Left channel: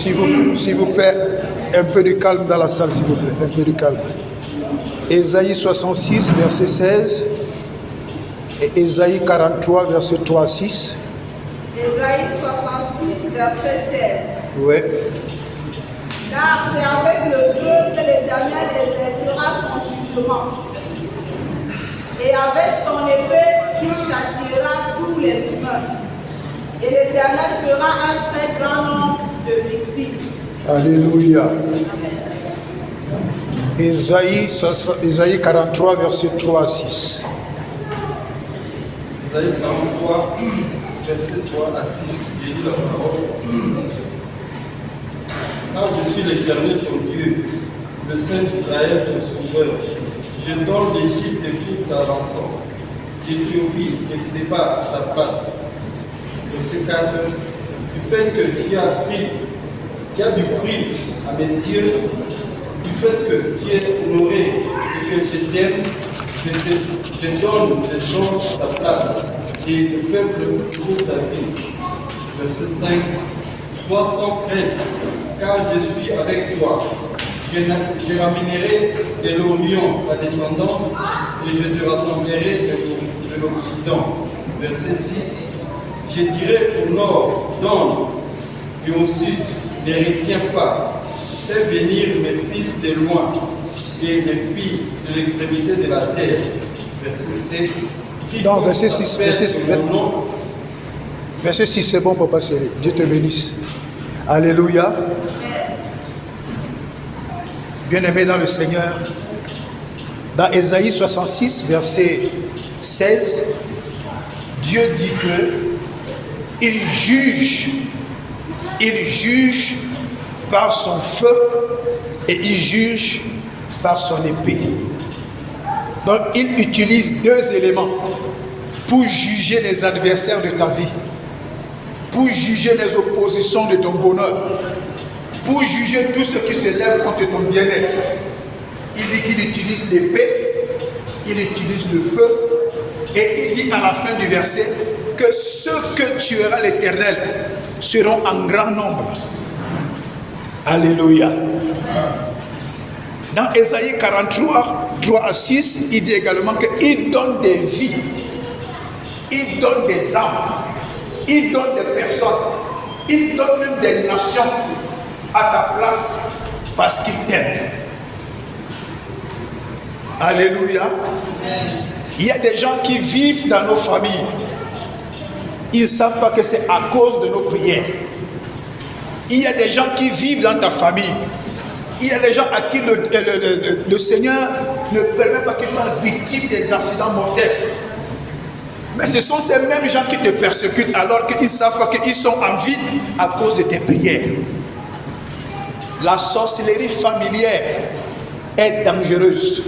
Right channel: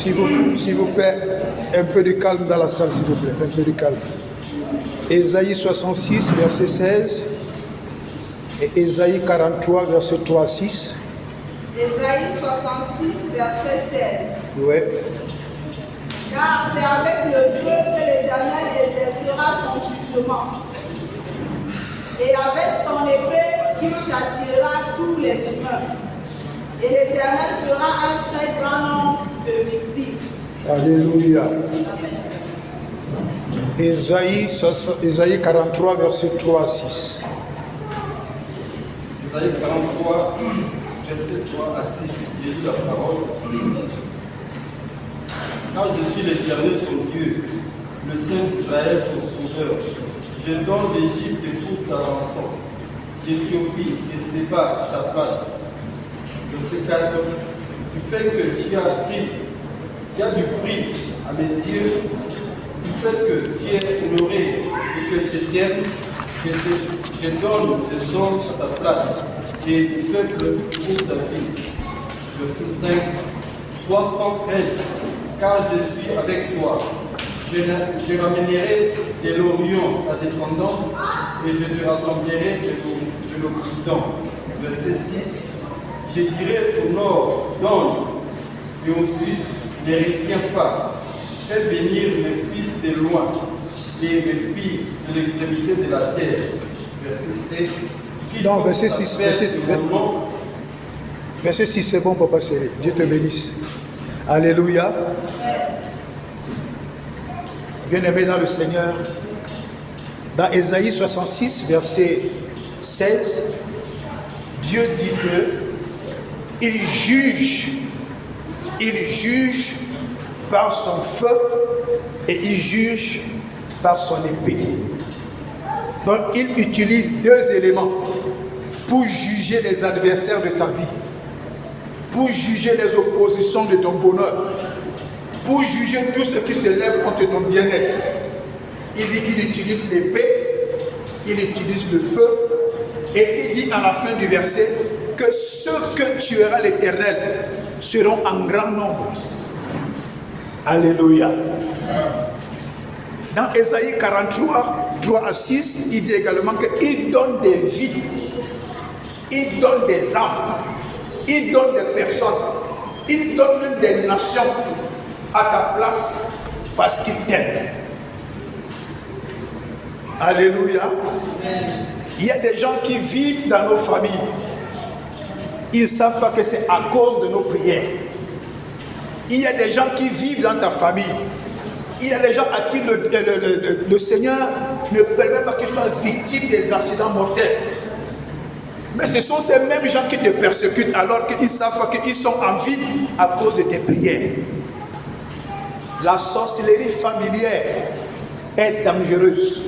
S'il vous plaît, un peu de calme dans la salle, s'il vous plaît, un peu de calme. Ésaïe 66, verset 16 et Ésaïe 43, verset 3 à 6. Ésaïe 66, verset 16. Oui. Car c'est avec le feu que l'Éternel exercera son jugement, et avec son épée qu'il châtiera tous les humains. Et l'Éternel fera un très grand nombre de victimes. Alléluia. Ésaïe 43, verset 3 à 6. Ésaïe 43, verset 3 à 6. J'ai lu la parole. Car je suis l'Éternel ton Dieu, le Saint d'Israël ton Sauveur. Je donne l'Égypte et toute ta rançon, l'Éthiopie et Séba à ta place. Verset 4. Du fait que tu as du prix à mes yeux, du fait que tu es honoré et que je t'aime, je donne des gens à ta place et le peuple pour ta vie. Verset 5. Sois sans crainte, car je suis avec toi. Je ramènerai de l'Orient ta descendance et je te rassemblerai de l'Occident. Verset 6. Je dirai au nord, donne, et au sud, ne retiens pas. Fais venir mes fils de loin et mes filles de l'extrémité de la terre. Verset 7. Non, verset 6. Verset 6, c'est bon, papa chéri. Dieu te bénisse. Alléluia. Bien-aimé dans le Seigneur, dans Ésaïe 66, verset 16, Dieu dit que il juge par son feu et il juge par son épée. Donc il utilise deux éléments pour juger les adversaires de ta vie, pour juger les oppositions de ton bonheur, pour juger tout ce qui se lève contre ton bien-être. Il dit qu'il utilise l'épée, il utilise le feu, et il dit à la fin du verset que ceux que tuera l'Éternel seront en grand nombre. Alléluia. Dans Ésaïe 43, 3 à 6, il dit également qu'il donne des vies, il donne des âmes, il donne des personnes, il donne même des nations à ta place parce qu'il t'aime. Alléluia. Il y a des gens qui vivent dans nos familles. Ils ne savent pas que c'est à cause de nos prières. Il y a des gens qui vivent dans ta famille. Il y a des gens à qui le Seigneur ne permet pas qu'ils soient victimes des accidents mortels. Mais ce sont ces mêmes gens qui te persécutent alors qu'ils ne savent pas qu'ils sont en vie à cause de tes prières. La sorcellerie familière est dangereuse.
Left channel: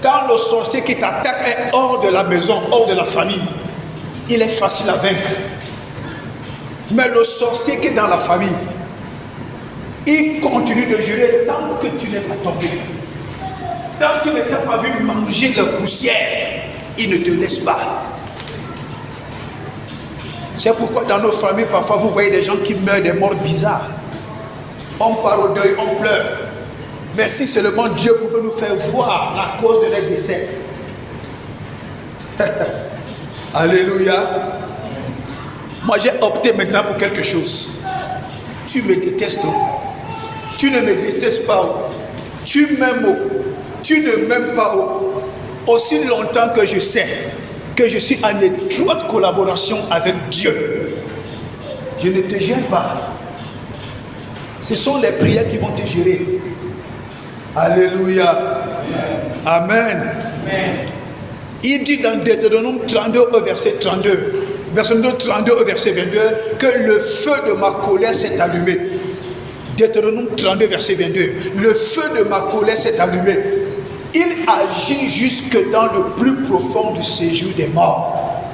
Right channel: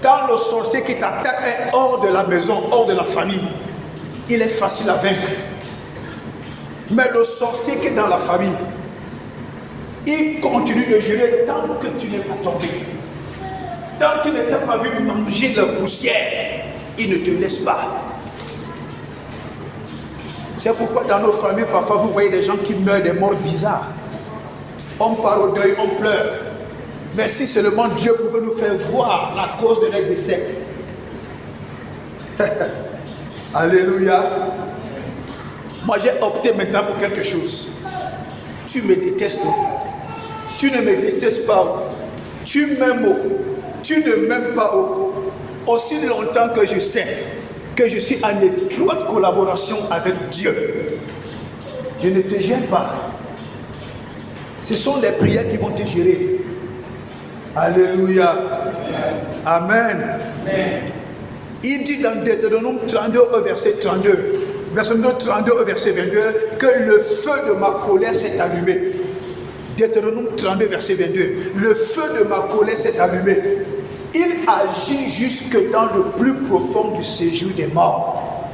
Quand le sorcier qui t'attaque est hors de la maison, hors de la famille, il est facile à vaincre. Mais le sorcier qui est dans la famille, il continue de jurer tant que tu n'es pas tombé. Tant qu'il ne t'a pas vu manger la poussière, il ne te laisse pas. C'est pourquoi dans nos familles, parfois vous voyez des gens qui meurent des morts bizarres. On part au deuil, on pleure. Mais si seulement Dieu pouvait nous faire voir la cause de leur décès. Alléluia. Moi j'ai opté maintenant pour quelque chose. Tu me détestes. Tu ne me détestes pas. Tu m'aimes. Tu ne m'aimes pas. Aussi longtemps que je sais que je suis en étroite collaboration avec Dieu, je ne te gêne pas. Ce sont les prières qui vont te gérer. Alléluia. Amen. Amen. Il dit dans Deutéronome 32 au verset 32, verset 32 au verset 22, que le feu de ma colère s'est allumé. Deutéronome 32 verset 22, le feu de ma colère s'est allumé. Il agit jusque dans le plus profond du séjour des morts.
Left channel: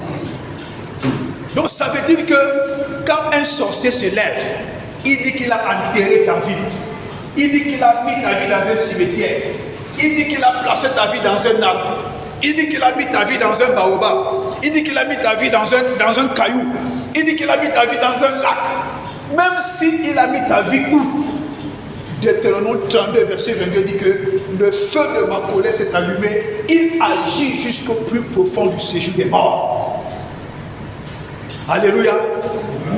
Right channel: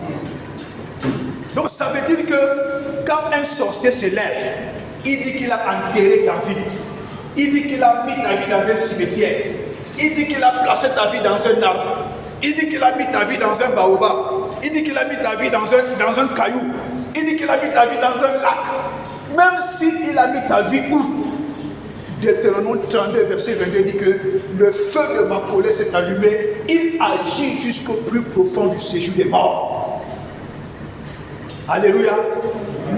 Donc ça veut dire que quand un sorcier se lève, il dit qu'il a enterré ta vie. Il dit qu'il a mis ta vie dans un cimetière. Il dit qu'il a placé ta vie dans un arbre. Il dit qu'il a mis ta vie dans un baobab. Il dit qu'il a mis ta vie dans un caillou. Il dit qu'il a mis ta vie dans un lac. Même s'il a mis ta vie où? Deutéronome 32, verset 22 dit que le feu de ma colère s'est allumé, il agit jusqu'au plus profond du séjour des morts. Alléluia.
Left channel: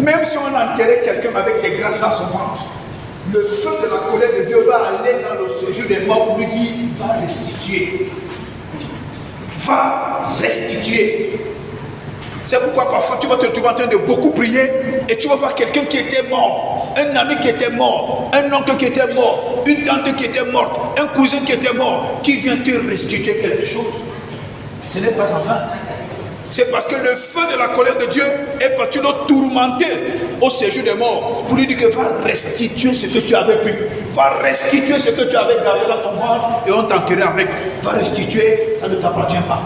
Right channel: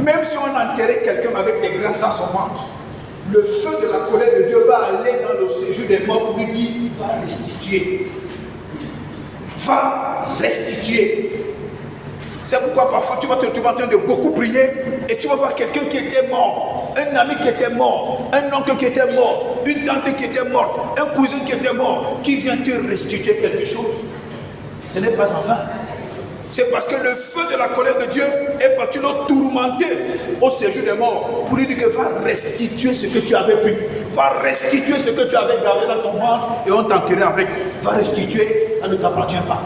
Même si on enterrait quelqu'un avec des grâces dans son ventre, le feu de la colère de Dieu va aller dans le séjour des morts pour lui dire, va restituer. Va restituer. C'est pourquoi parfois tu vas te trouver en train de beaucoup prier et tu vas voir quelqu'un qui était mort, un ami qui était mort, un oncle qui était mort, une tante qui était morte, un cousin qui était mort, qui vient te restituer quelque chose. Ce n'est pas en vain. C'est parce que le feu de la colère de Dieu est parti le tourmenter au séjour des morts pour lui dire que va restituer ce que tu avais pris, va restituer ce que tu avais gardé dans ton ventre et on t'enterrait avec. Va restituer, ça ne t'appartient pas.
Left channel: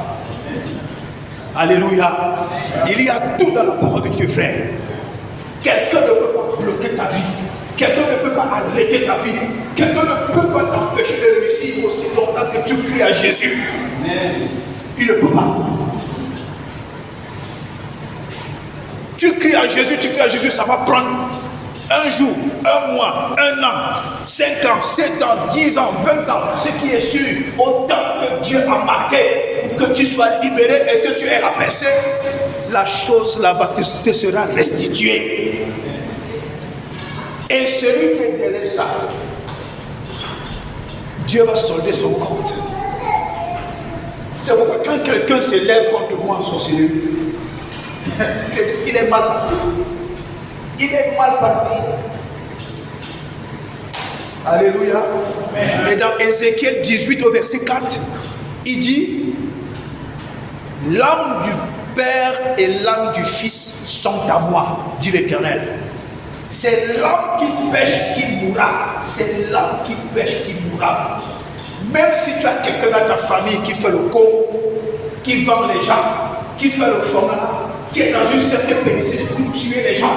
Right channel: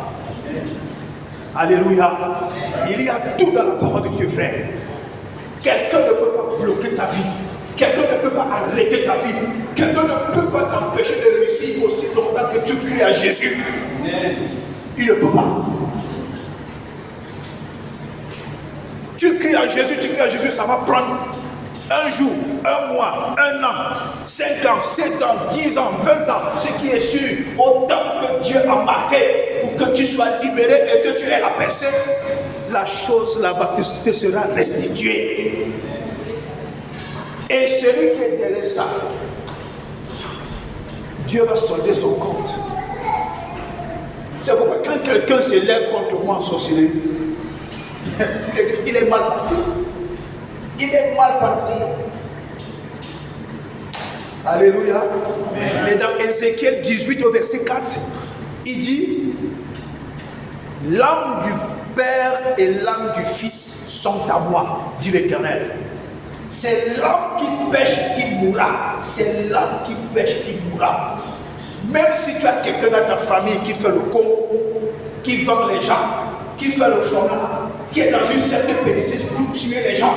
Alléluia. Il y a tout dans la parole de Dieu, frère. Quelqu'un ne peut pas bloquer ta vie. Quelqu'un ne peut pas arrêter ta vie. Quelqu'un ne peut pas t'empêcher de réussir aussi longtemps que tu cries à Jésus. Il ne peut pas. Tu cries à Jésus, ça va prendre un jour, un mois, un an, 5 ans, 7 ans, 10 ans, 20 ans. Ce qui est sûr, autant que Dieu a marqué pour que tu sois libéré et que tu aies la personne, la chose là-bas te sera restituée. Et celui qui est derrière ça, Dieu va solder son compte. C'est pourquoi quand quelqu'un se lève contre moi en sorcellerie, il est mal parti. Il est mal parti. Alléluia. Et dans Ézéchiel 18 au verset 4, il dit, l'âme du Père et l'âme du Fils sont à moi, dit l'Éternel. C'est l'âme qui pêche qui mourra. C'est l'âme qui pêche qui mourra. Même si tu as quelqu'un dans ta famille qui fait le con, qui vend les gens, qui fait le fromage, qui est dans une certaine péninsule pour tuer les gens,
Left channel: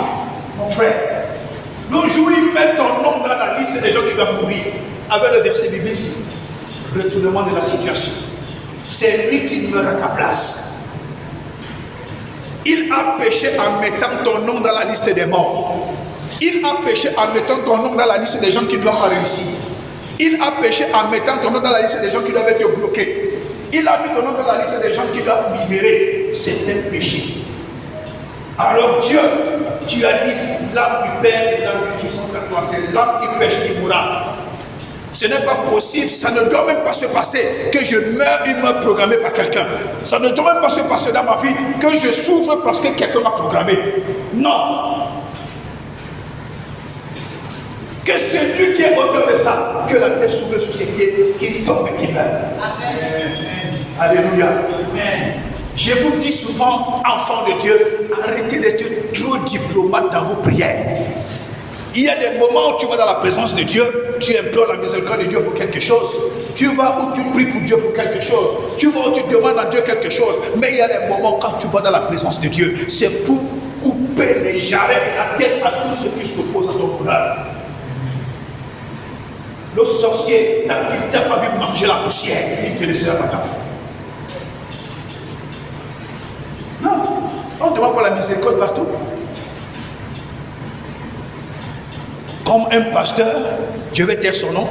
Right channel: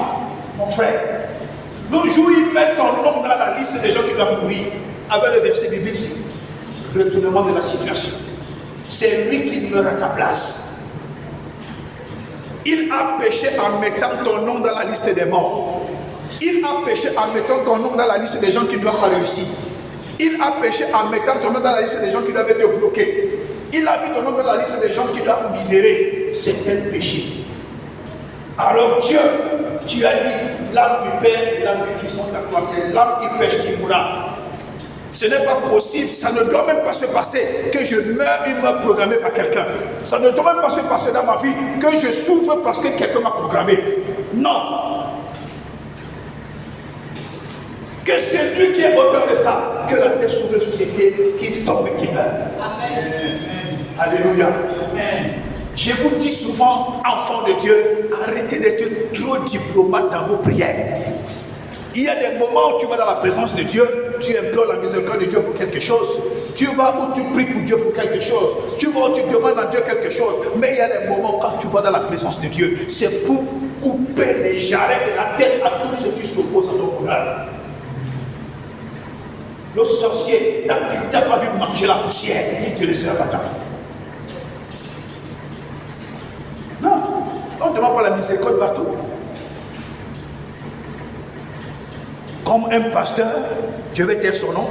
mon frère, le jour où ils mettent ton nom dans la liste des gens qui vont mourir, avec le verset biblique, retournement de la situation. C'est lui qui meurt à ta place. Il a péché en mettant ton nom dans la liste des morts. Il a péché en mettant ton nom dans la liste des gens qui doivent pas réussir. Il a péché en mettant ton nom dans la liste des gens qui doivent être bloqués. Il a mis ton nom dans la liste des gens qui doivent misérer. C'est un péché. Alors Dieu, tu as dit, l'âme du Père et l'âme du Fils sont à toi. C'est l'âme qui pêche qui mourra. Ce n'est pas possible, ça ne doit même pas se passer que je meure une mort programmée par quelqu'un. Ça ne doit même pas se passer dans ma vie que je souffre parce que quelqu'un m'a programmé. Non. Que celui qui est auteur de ça, que la tête s'ouvre sous ses pieds, qu'il tombe et qu'il meurt. Amen. Alléluia. Amen. Je vous dis souvent, enfants de Dieu, arrêtez d'être trop diplomate dans vos prières. Il y a des moments où tu vas dans la présence de Dieu, tu implores la miséricorde de Dieu pour quelque chose. Tu vas où tu pries pour Dieu pour quelque chose. Tu vas où tu demandes à Dieu quelque chose. Mais il y a des moments quand tu vas dans la présence de Dieu, c'est pour couper les jarrets et la tête à tous ceux qui s'opposent à ton bonheur. Le sorcier, il ne t'a pas vu manger la poussière, il te laissera pas temps. Non, on ne demande pas la miséricorde partout. Comme un pasteur, je vais taire son nom,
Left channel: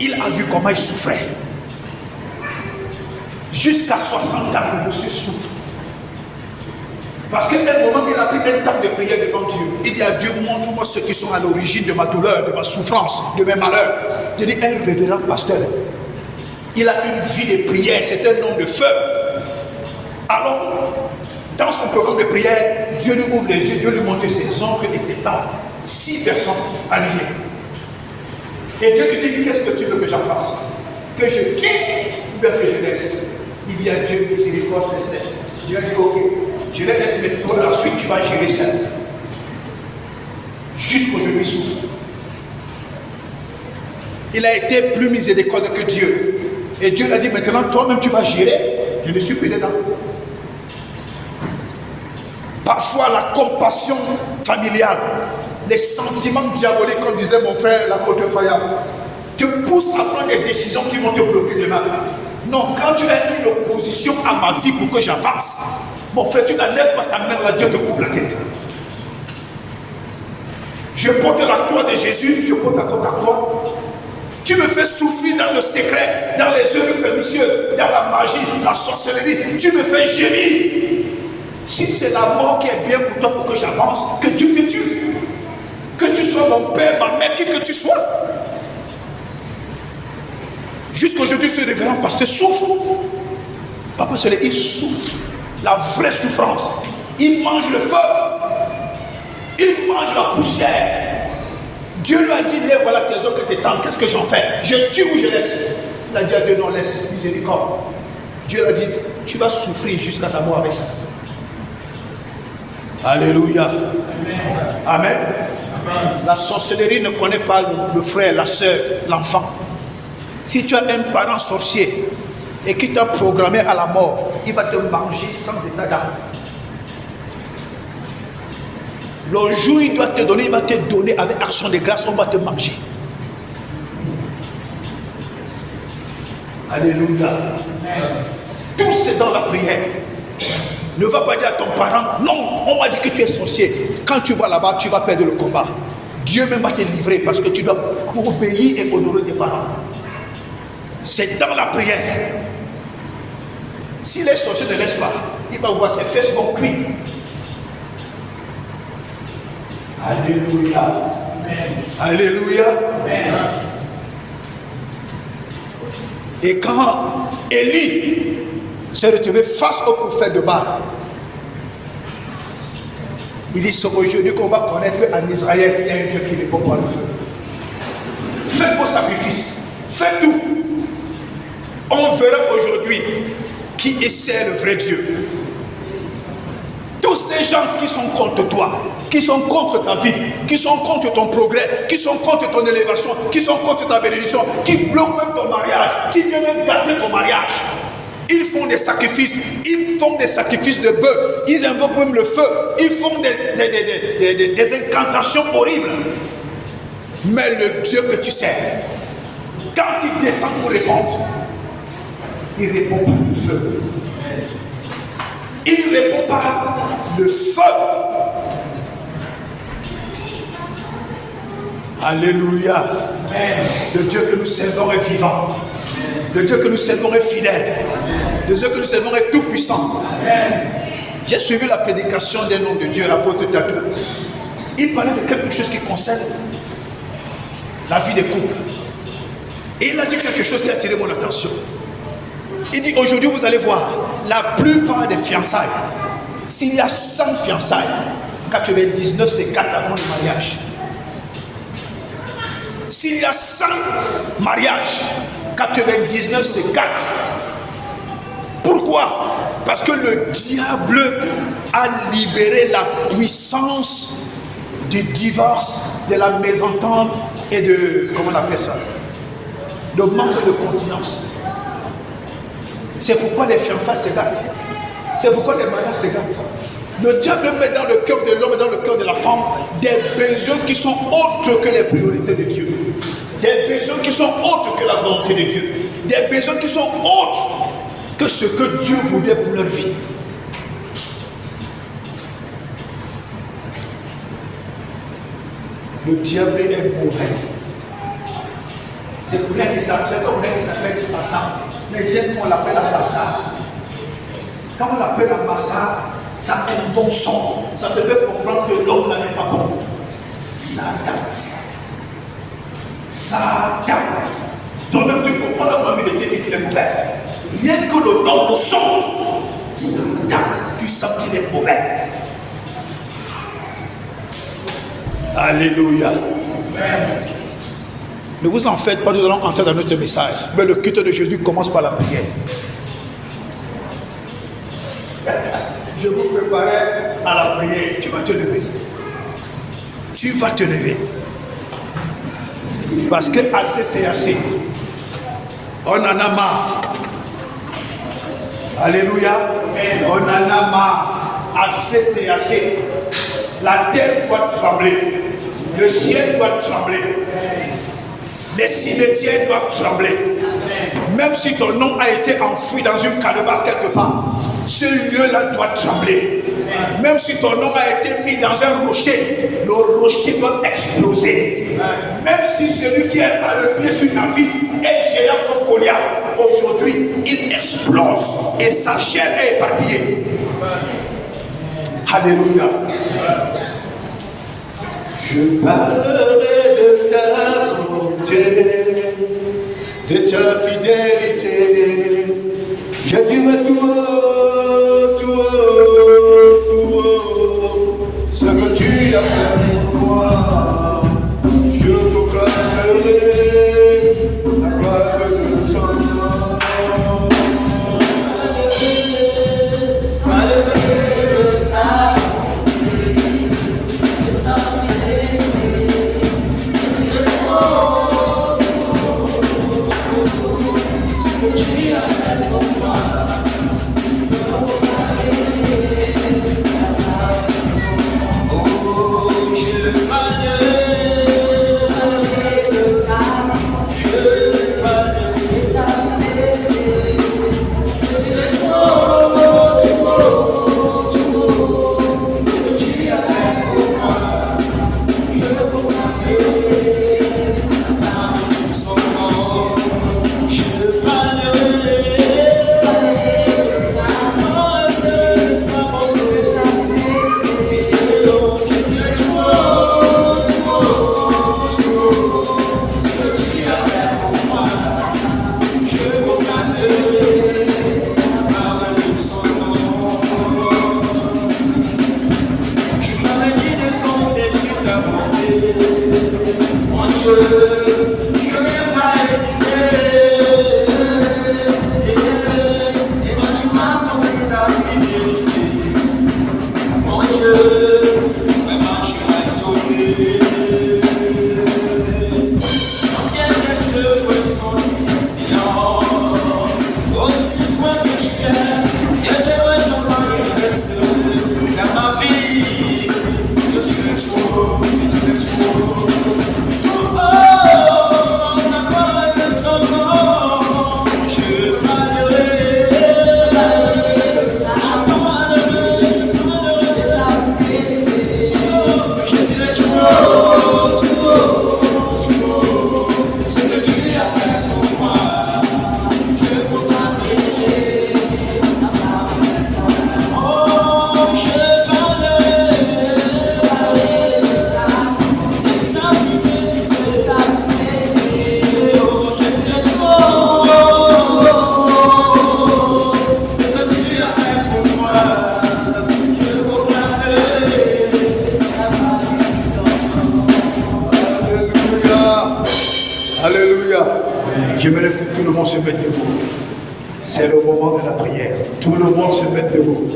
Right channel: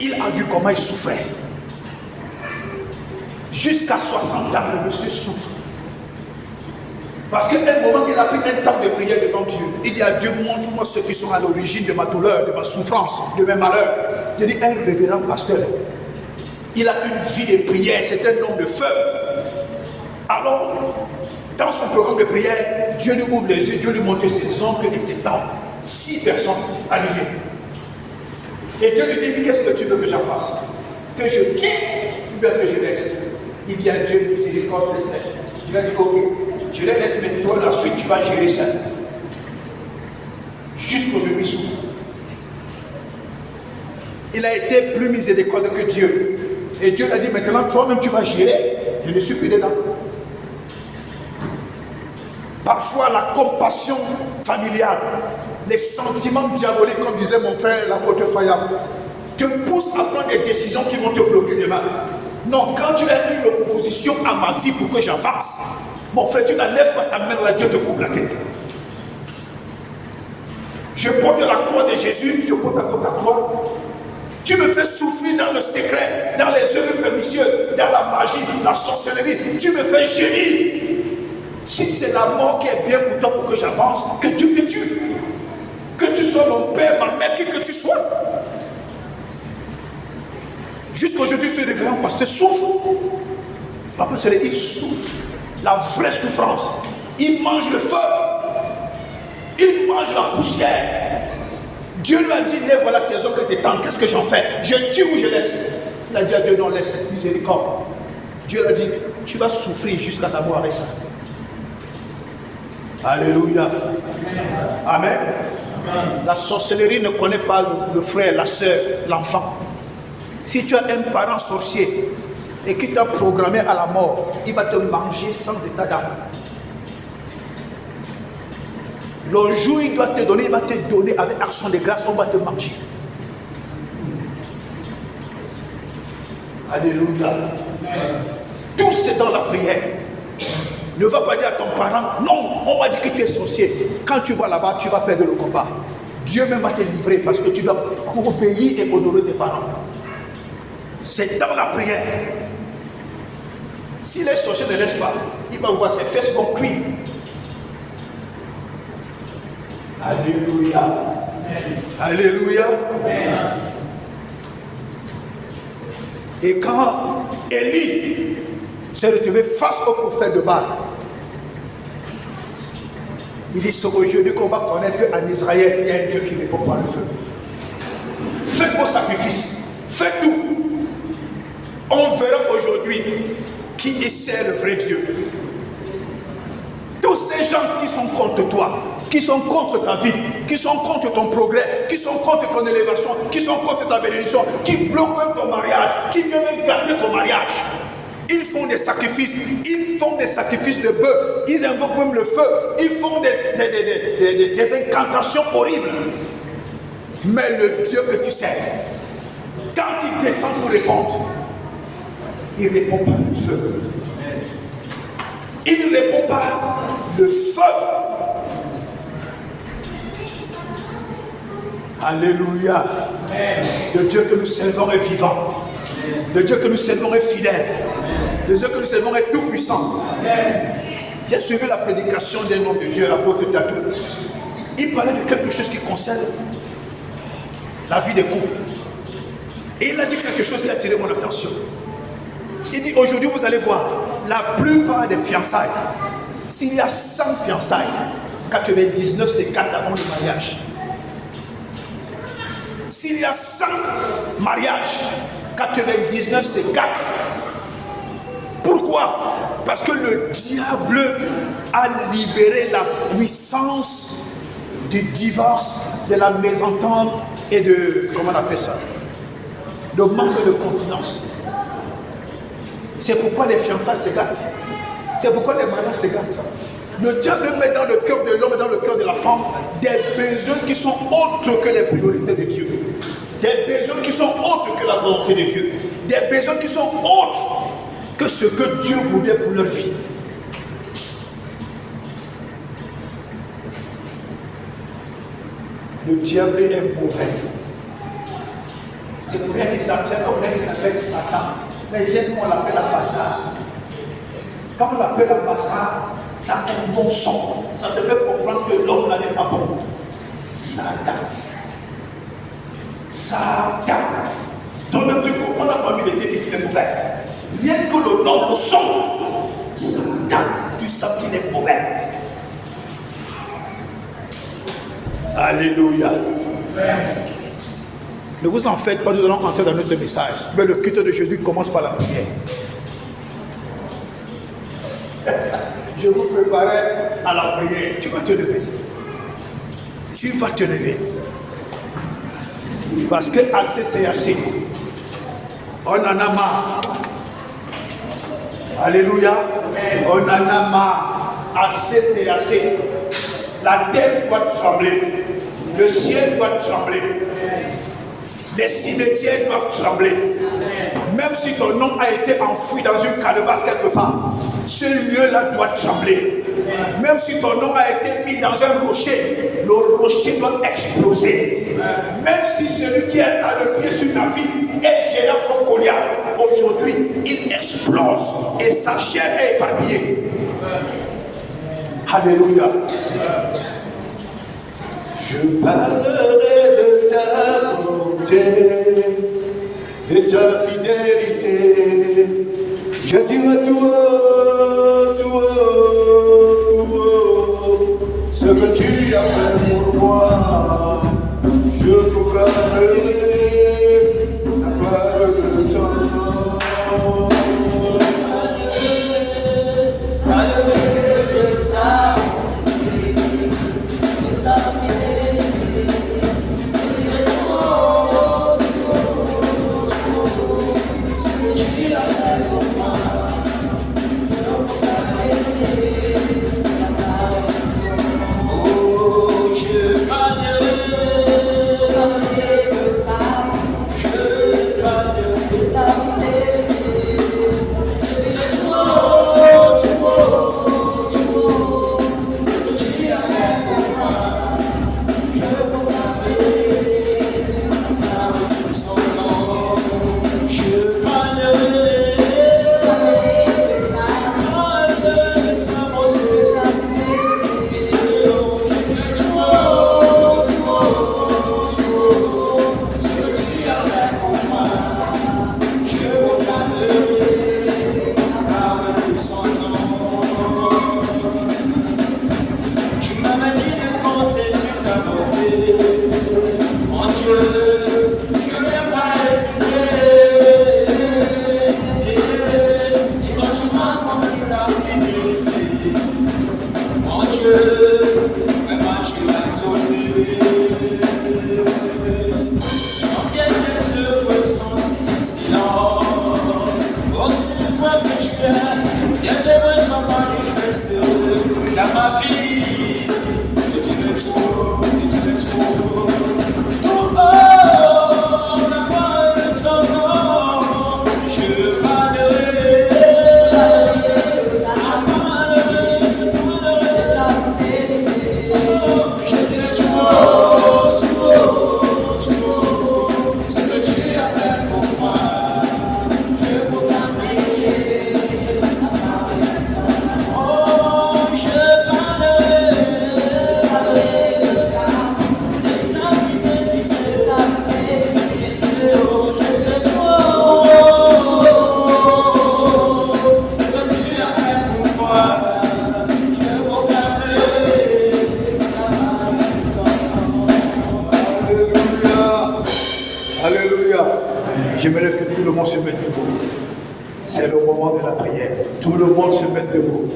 il a vu comment il souffrait. Jusqu'à 60 ans, le monsieur souffre. Parce qu'à un moment, il a pris un temps de prière devant Dieu. Il dit à Dieu, montre-moi ceux qui sont à l'origine de ma douleur, de ma souffrance, de mes malheurs. Je dis, un révérend pasteur, il a une vie de prière, c'est un homme de feu. Alors, dans son programme de prière, Dieu lui ouvre les yeux, Dieu lui montre ses oncles et ses tantes. 6 personnes alignées. Et Dieu lui dit, qu'est-ce que tu veux que j'en fasse? Que je quitte ou bien que je laisse? Il dit à Dieu, miséricorde, laisse. Dieu a dit, ok, je les laisse, mais toi, la suite, tu vas gérer ça. Jusqu'aujourd'hui, souffre. Il a été plus miséricordieux que Dieu. Et Dieu lui a dit, maintenant, toi-même, tu vas gérer. Je ne suis plus dedans. Parfois, la compassion familiale, les sentiments diaboliques, comme disait mon frère l'apôtre Fayard, te poussent à prendre des décisions qui vont te bloquer demain. Non, quand tu as une opposition à ma vie pour que j'avance, mon frère, tu n'enlèves pas ta main là, Dieu te coupe la tête. Je porte la croix de Jésus, je porte ta croix. Tu me fais souffrir dans le secret, dans les œuvres pernicieuses, dans la magie, dans la sorcellerie. Tu me fais gémir. Si c'est la mort qui est bien pour toi, pour que j'avance, que Dieu te tue. Que tu sois mon père, ma mère, qui que tu sois. Jusqu'aujourd'hui, ce révérend pasteur souffre. Papa Soleil, il souffre. La vraie souffrance. Il mange le feu. Il mange la poussière. Dieu lui a dit, lève voilà tes os que tes temps, qu'est-ce que j'en fais? Je tue ou je laisse? Il a dit à Dieu, non, laisse, miséricorde. Dieu lui a dit, tu vas souffrir jusqu'à ta mort avec ça. Alléluia. Amen. Amen. La sorcellerie ne connaît pas le frère, la soeur, l'enfant. Si tu as un parent sorcier et qui t'a programmé à la mort, il va te manger sans état d'âme. Le jour où il doit te donner, il va te donner avec action de grâce, on va te manger. Alléluia. Tout c'est dans la prière. Ne va pas dire à ton parent, non, on m'a dit que tu es sorcier. Quand tu vas là-bas, tu vas perdre le combat. Dieu même va te livrer parce que tu dois obéir et honorer tes parents. C'est dans la prière. Si les sorciers ne laissent pas, il va voir ses fesses vont cuire. Alléluia. Amen. Alléluia. Amen. Et quand Élie s'est retrouvé face au prophète de Baal, il dit, c'est aujourd'hui qu'on va connaître qu'en Israël, il y a un Dieu qui répond par le feu. Faites vos sacrifices. Faites tout. On verra aujourd'hui qui est le vrai Dieu. Tous ces gens qui sont contre toi, qui sont contre ta vie, qui sont contre ton progrès, qui sont contre ton élévation, qui sont contre ta bénédiction, qui bloquent même ton mariage, qui viennent même gâter ton mariage. Ils font des sacrifices de bœufs, ils invoquent même le feu, ils font des incantations horribles. Mais le Dieu que tu sais, quand il descend pour répondre, il répond par le feu. Il répond par le feu. Alléluia. Le Dieu que nous servons est vivant. Le Dieu que nous servons est fidèle. Le Dieu que nous servons est tout puissant. J'ai suivi la prédication d'un homme de Dieu, apôtre Tatou. Il parlait de quelque chose qui concerne la vie des couples. Et il a dit quelque chose qui a attiré mon attention. Il dit, aujourd'hui vous allez voir, la plupart des fiançailles, s'il y a 100 fiançailles, 99 c'est 4 avant le mariage. S'il y a 100 mariages, 99 c'est 4. Pourquoi? Parce que le diable a libéré la puissance du divorce, de la mésentente et de, comment on appelle ça, le manque de continence. C'est pourquoi les fiançailles se gâtent. C'est pourquoi les mariages se gâtent. Le diable met dans le cœur de l'homme et dans le cœur de la femme des besoins qui sont autres que les priorités de Dieu. Des besoins qui sont autres que la volonté de Dieu. Des besoins qui sont autres que ce que Dieu voulait pour leur vie. Le diable est mauvais. C'est pour rien qu'il s'appelle Satan. Mais j'aime qu'on l'appelle Abassar. Quand on l'appelle Abassar, ça a un bon son. Ça te fait comprendre que l'homme là n'est pas bon. Satan. Satan. Donc tu comprends la famille de Dieu qui est mauvais. Rien que le nom, le son. Satan. Tu sens qu'il est mauvais. Alléluia. Amen. Ne vous en faites pas, nous allons entrer dans notre message. Mais le culte de Jésus commence par la prière. Je vous préparais à la prière. Tu vas te lever. Tu vas te lever. Parce que assez c'est assez. On en a marre. Alléluia. On en a marre. Assez c'est assez. La terre doit trembler. Le ciel doit trembler. Les cimetières doivent trembler. Même si ton nom a été enfoui dans une calebasse quelque part, ce lieu-là doit trembler. Même si ton nom a été mis dans un rocher, le rocher doit exploser. Même si celui qui a le pied sur ta vie est géant comme Goliath, aujourd'hui, il explose et sa chair est éparpillée. Alléluia. Je parlerai de ta bonté, de ta fidélité. Je dirai tout haut, tout haut, tout haut, ce que tu as fait pour moi. Je proclamerai la gloire de ton nom. J'aimerais que tout le monde se mette debout. C'est le moment de la prière. Tout le monde se mette debout.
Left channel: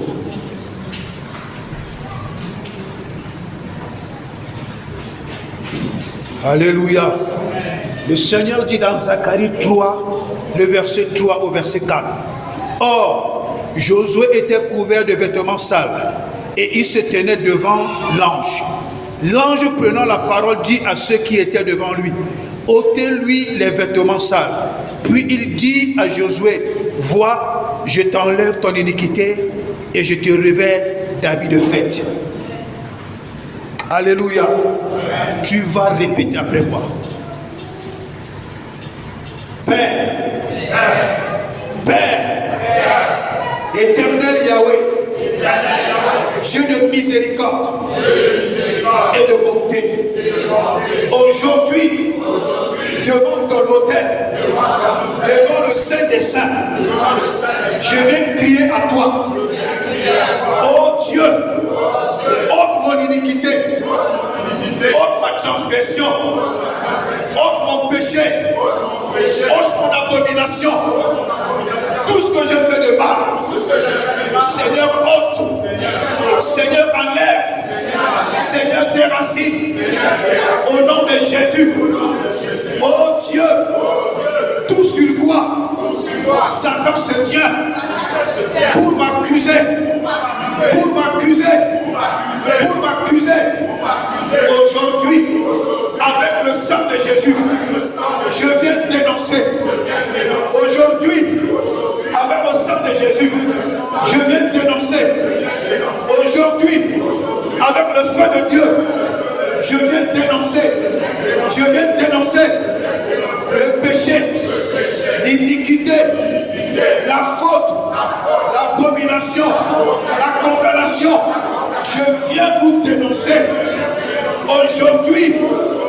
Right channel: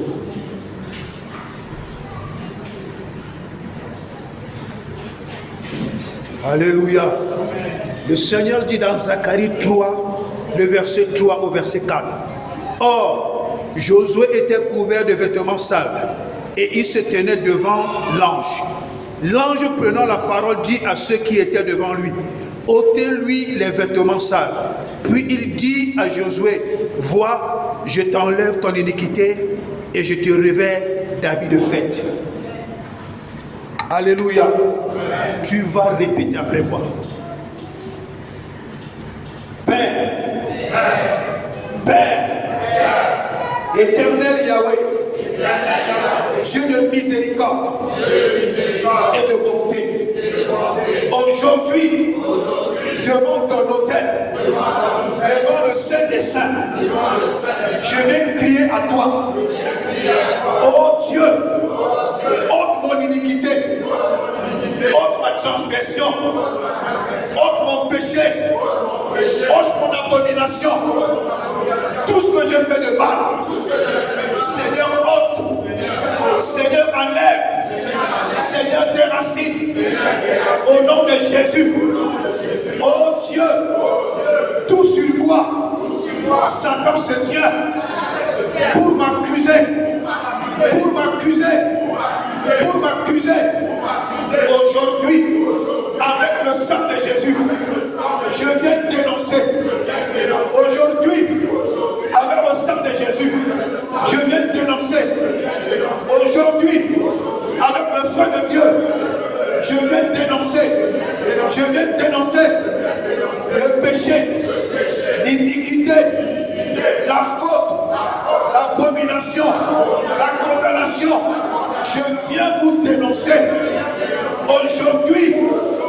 Alléluia. Le Seigneur dit dans Zacharie 3, le verset 3 au verset 4. Or, Josué était couvert de vêtements sales et il se tenait devant l'ange. L'ange prenant la parole dit à ceux qui étaient devant lui, ôtez-lui les vêtements sales. Puis il dit à Josué, vois, je t'enlève ton iniquité et je te revêt d'habits de fête. Alléluia. Tu vas répéter après moi. Père, éternel Yahweh, Dieu de miséricorde et de bonté, aujourd'hui, devant ton autel, devant le Saint des Saints, je vais crier à toi. Oh Dieu, ôte mon iniquité, ôte ma transgression, ôte mon péché, ôte mon abomination, tout ce que je fais de mal. Seigneur, ôte, Seigneur, enlève, Seigneur, déracine, au nom de Jésus. Oh Dieu, tout sur quoi Satan se tient pour m'accuser, pour m'accuser, pour m'accuser. Aujourd'hui, avec le sang de Jésus, je viens dénoncer. Aujourd'hui, avec le sang de Jésus, je viens dénoncer. Aujourd'hui, le feu de Dieu, je viens dénoncer le péché, l'iniquité, la faute, l'abomination, la condamnation. Je viens vous dénoncer aujourd'hui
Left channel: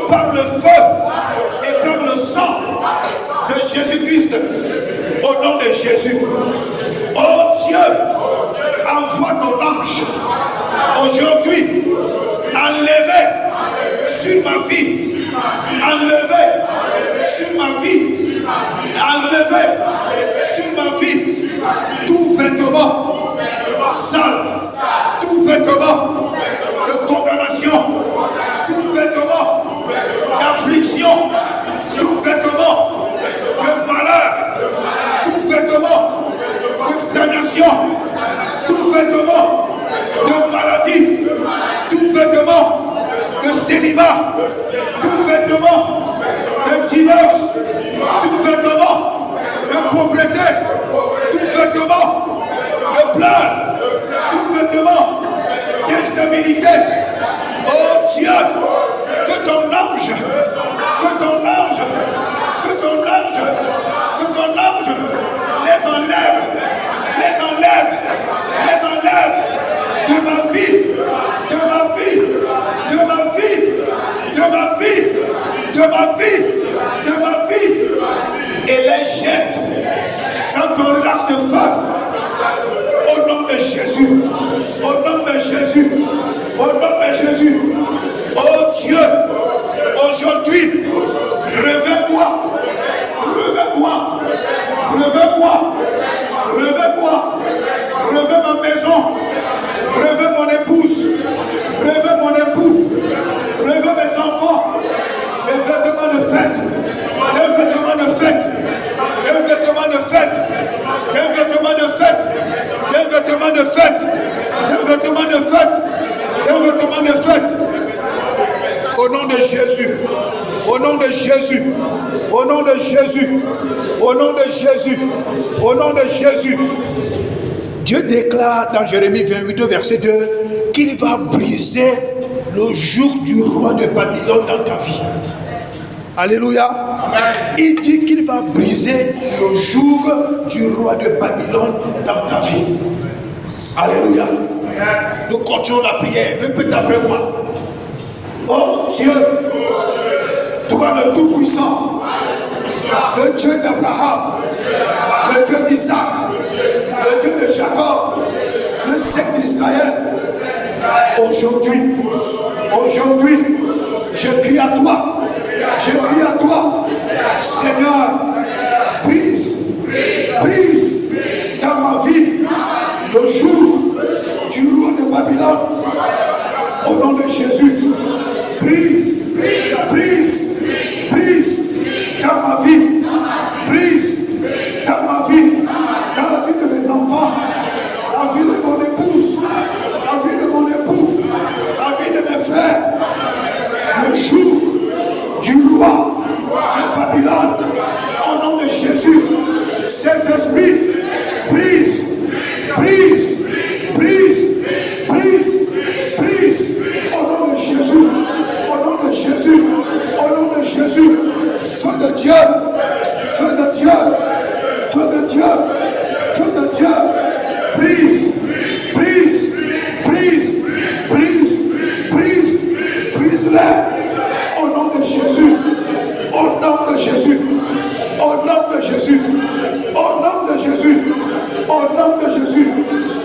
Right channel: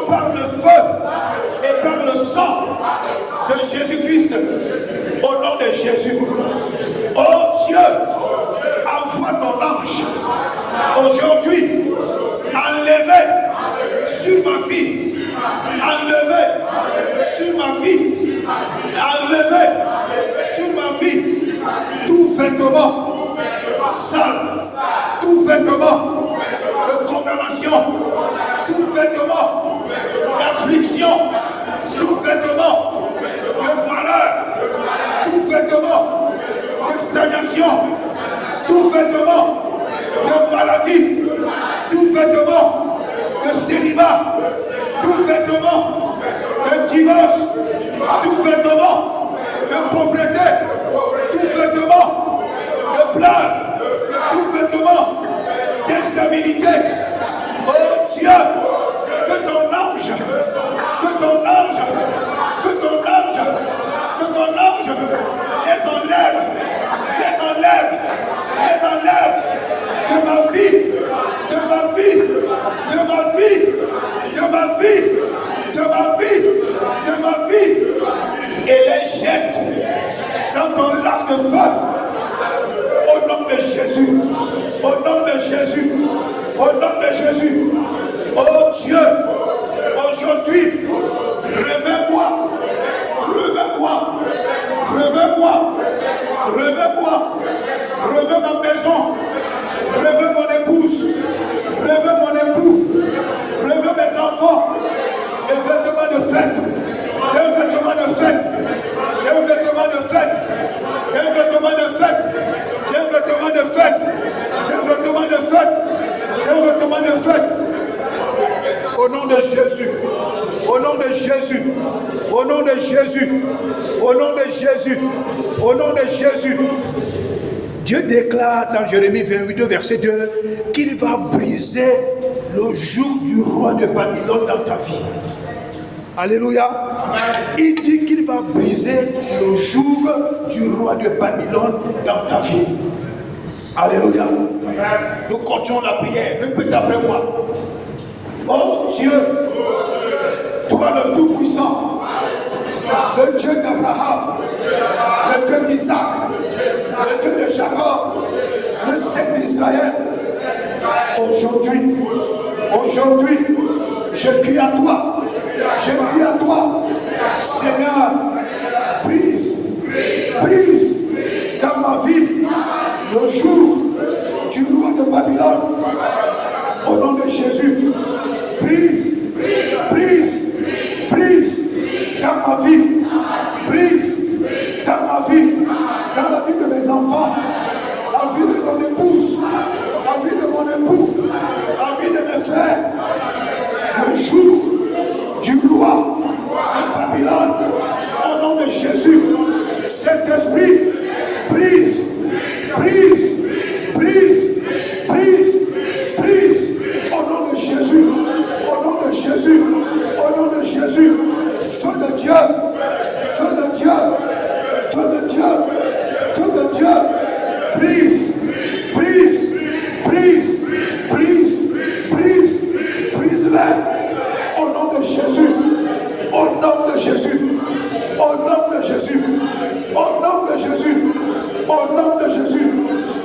par le feu et par le sang de Jésus-Christ, au nom de Jésus. Oh Dieu, envoie ton ange aujourd'hui, enlever sur ma vie, enlever sur ma vie, enlever sur ma vie tout vêtement sale, tout vêtement de condamnation, tout vêtement d'affliction, tout vêtement de malheur, tout vêtement de stagnation, tout vêtement de maladie, tout vêtement de célibat, tout vêtement de divorce, tout vêtement de pauvreté, tout vêtement de pleurs, tout vêtement d'instabilité. Oh Dieu, que ton ange les enlève de ma vie, et les jette dans ton lac de feu. Au nom de Jésus, au nom de Jésus, au nom de Jésus. Oh Dieu, aujourd'hui, réveille-moi ma maison, réveille mon épouse, réveille mon époux, réveille mes enfants, des vêtements de fête, des vêtements de fête, des vêtements de fête, des vêtements de fête, des vêtements de fête, des vêtements de fête, des vêtements de fête. Au nom de Jésus, au nom de Jésus, au nom de Jésus, au nom de Jésus, au nom de Jésus. Dieu déclare dans Jérémie 28, verset 2, qu'il va briser le joug du roi de Babylone dans ta vie. Alléluia. Il dit qu'il va briser le joug du roi de Babylone dans ta vie. Alléluia. Nous continuons la prière. Répète après moi. Oh Dieu, toi le Tout-Puissant, le Dieu d'Abraham, le Dieu d'Isaac, le Dieu de Jacob, le Saint d'Israël. Aujourd'hui, je crie à toi, Seigneur, brise dans ma vie le jour du roi de Babylone. Au nom de Jésus, brise dans ma vie, brise dans ma vie, dans la vie de mes enfants, la vie de mon épouse, la vie de mon époux, la vie de mes frères. Le jour du roi de Babylone, au nom de Jésus, Saint-Esprit, brise au nom de Jésus, au nom de Jésus, au nom de Jésus. Feu de Dieu, feu de Dieu, feu de Dieu, feu de Dieu, brise les au nom de Jésus, au nom de Jésus, au nom de Jésus, au nom de Jésus, au nom de Jésus,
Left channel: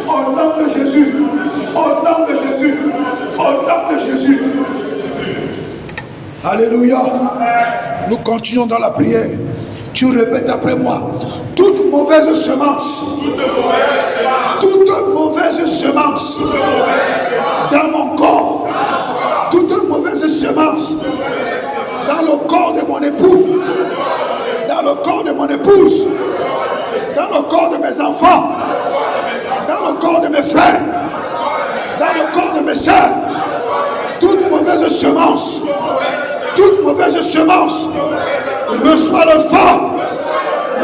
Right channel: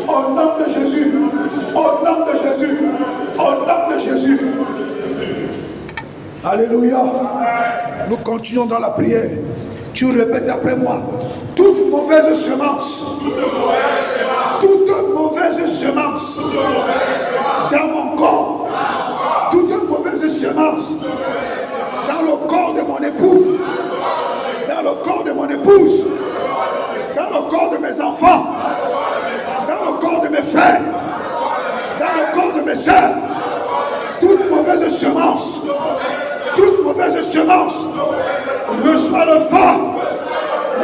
au nom de Jésus, au nom de Jésus, au nom de Jésus. Alléluia. Nous continuons dans la prière. Tu répètes après moi. Toute mauvaise semence, dans mon corps, toute mauvaise semence dans le corps de mon époux, dans le corps de mon épouse, dans le corps de mes enfants, dans le corps de mes frères, dans le corps de mes soeurs, toute mauvaise semence, reçois le feu,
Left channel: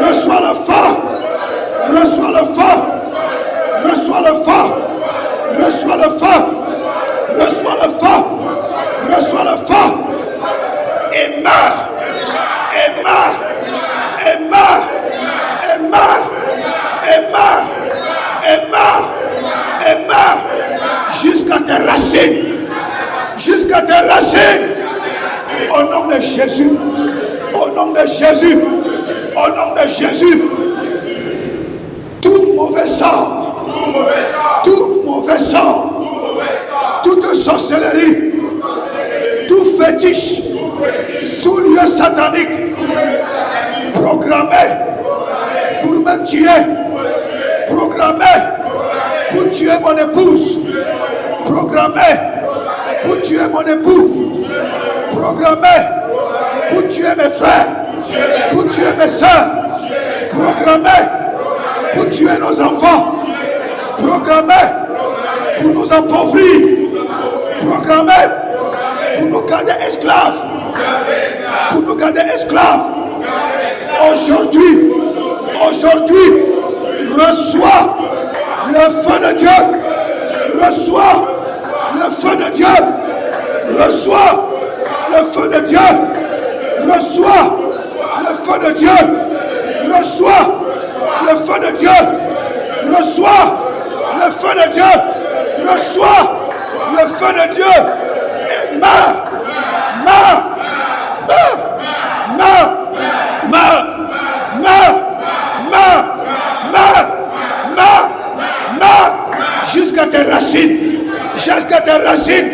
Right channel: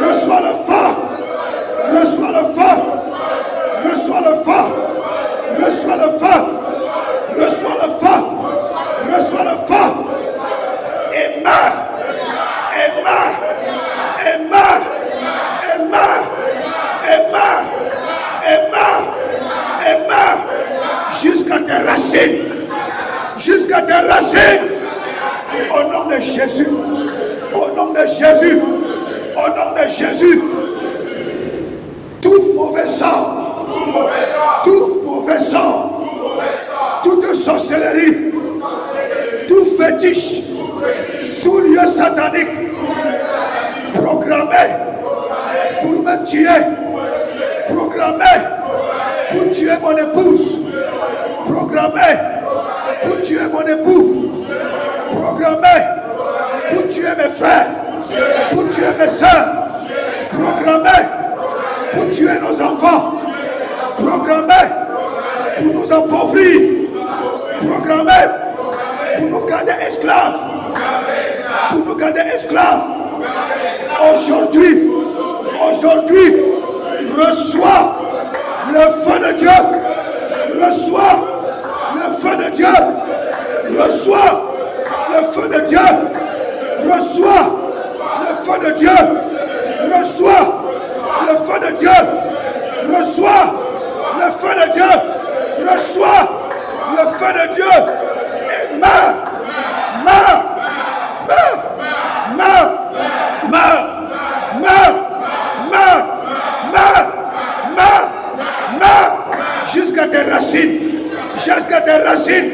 reçois le feu, reçois le feu, reçois le feu, reçois le feu, reçois le feu. Jésus, au nom de Jésus, au nom de Jésus, tout mauvais sang, tout mauvais sang, toute sorcellerie, tout fétiche, tout lieu satanique, programmé pour me tuer, programmé pour tuer mon épouse, programmé pour tuer mon époux, programmé pour tuer mes frères, pour tuer mes soeurs, programmé pour tuer nos enfants, programmé pour nous appauvrir, programmé pour nous garder esclaves, pour nous garder esclaves. Aujourd'hui, reçois le feu de Dieu, reçois le feu de Dieu, reçois le feu de Dieu, reçois le feu de Dieu, reçois le feu de Dieu, reçois le feu de Dieu, reçois le feu de Dieu, et meurs, jusqu'à tes racines, jusqu'à tes racines,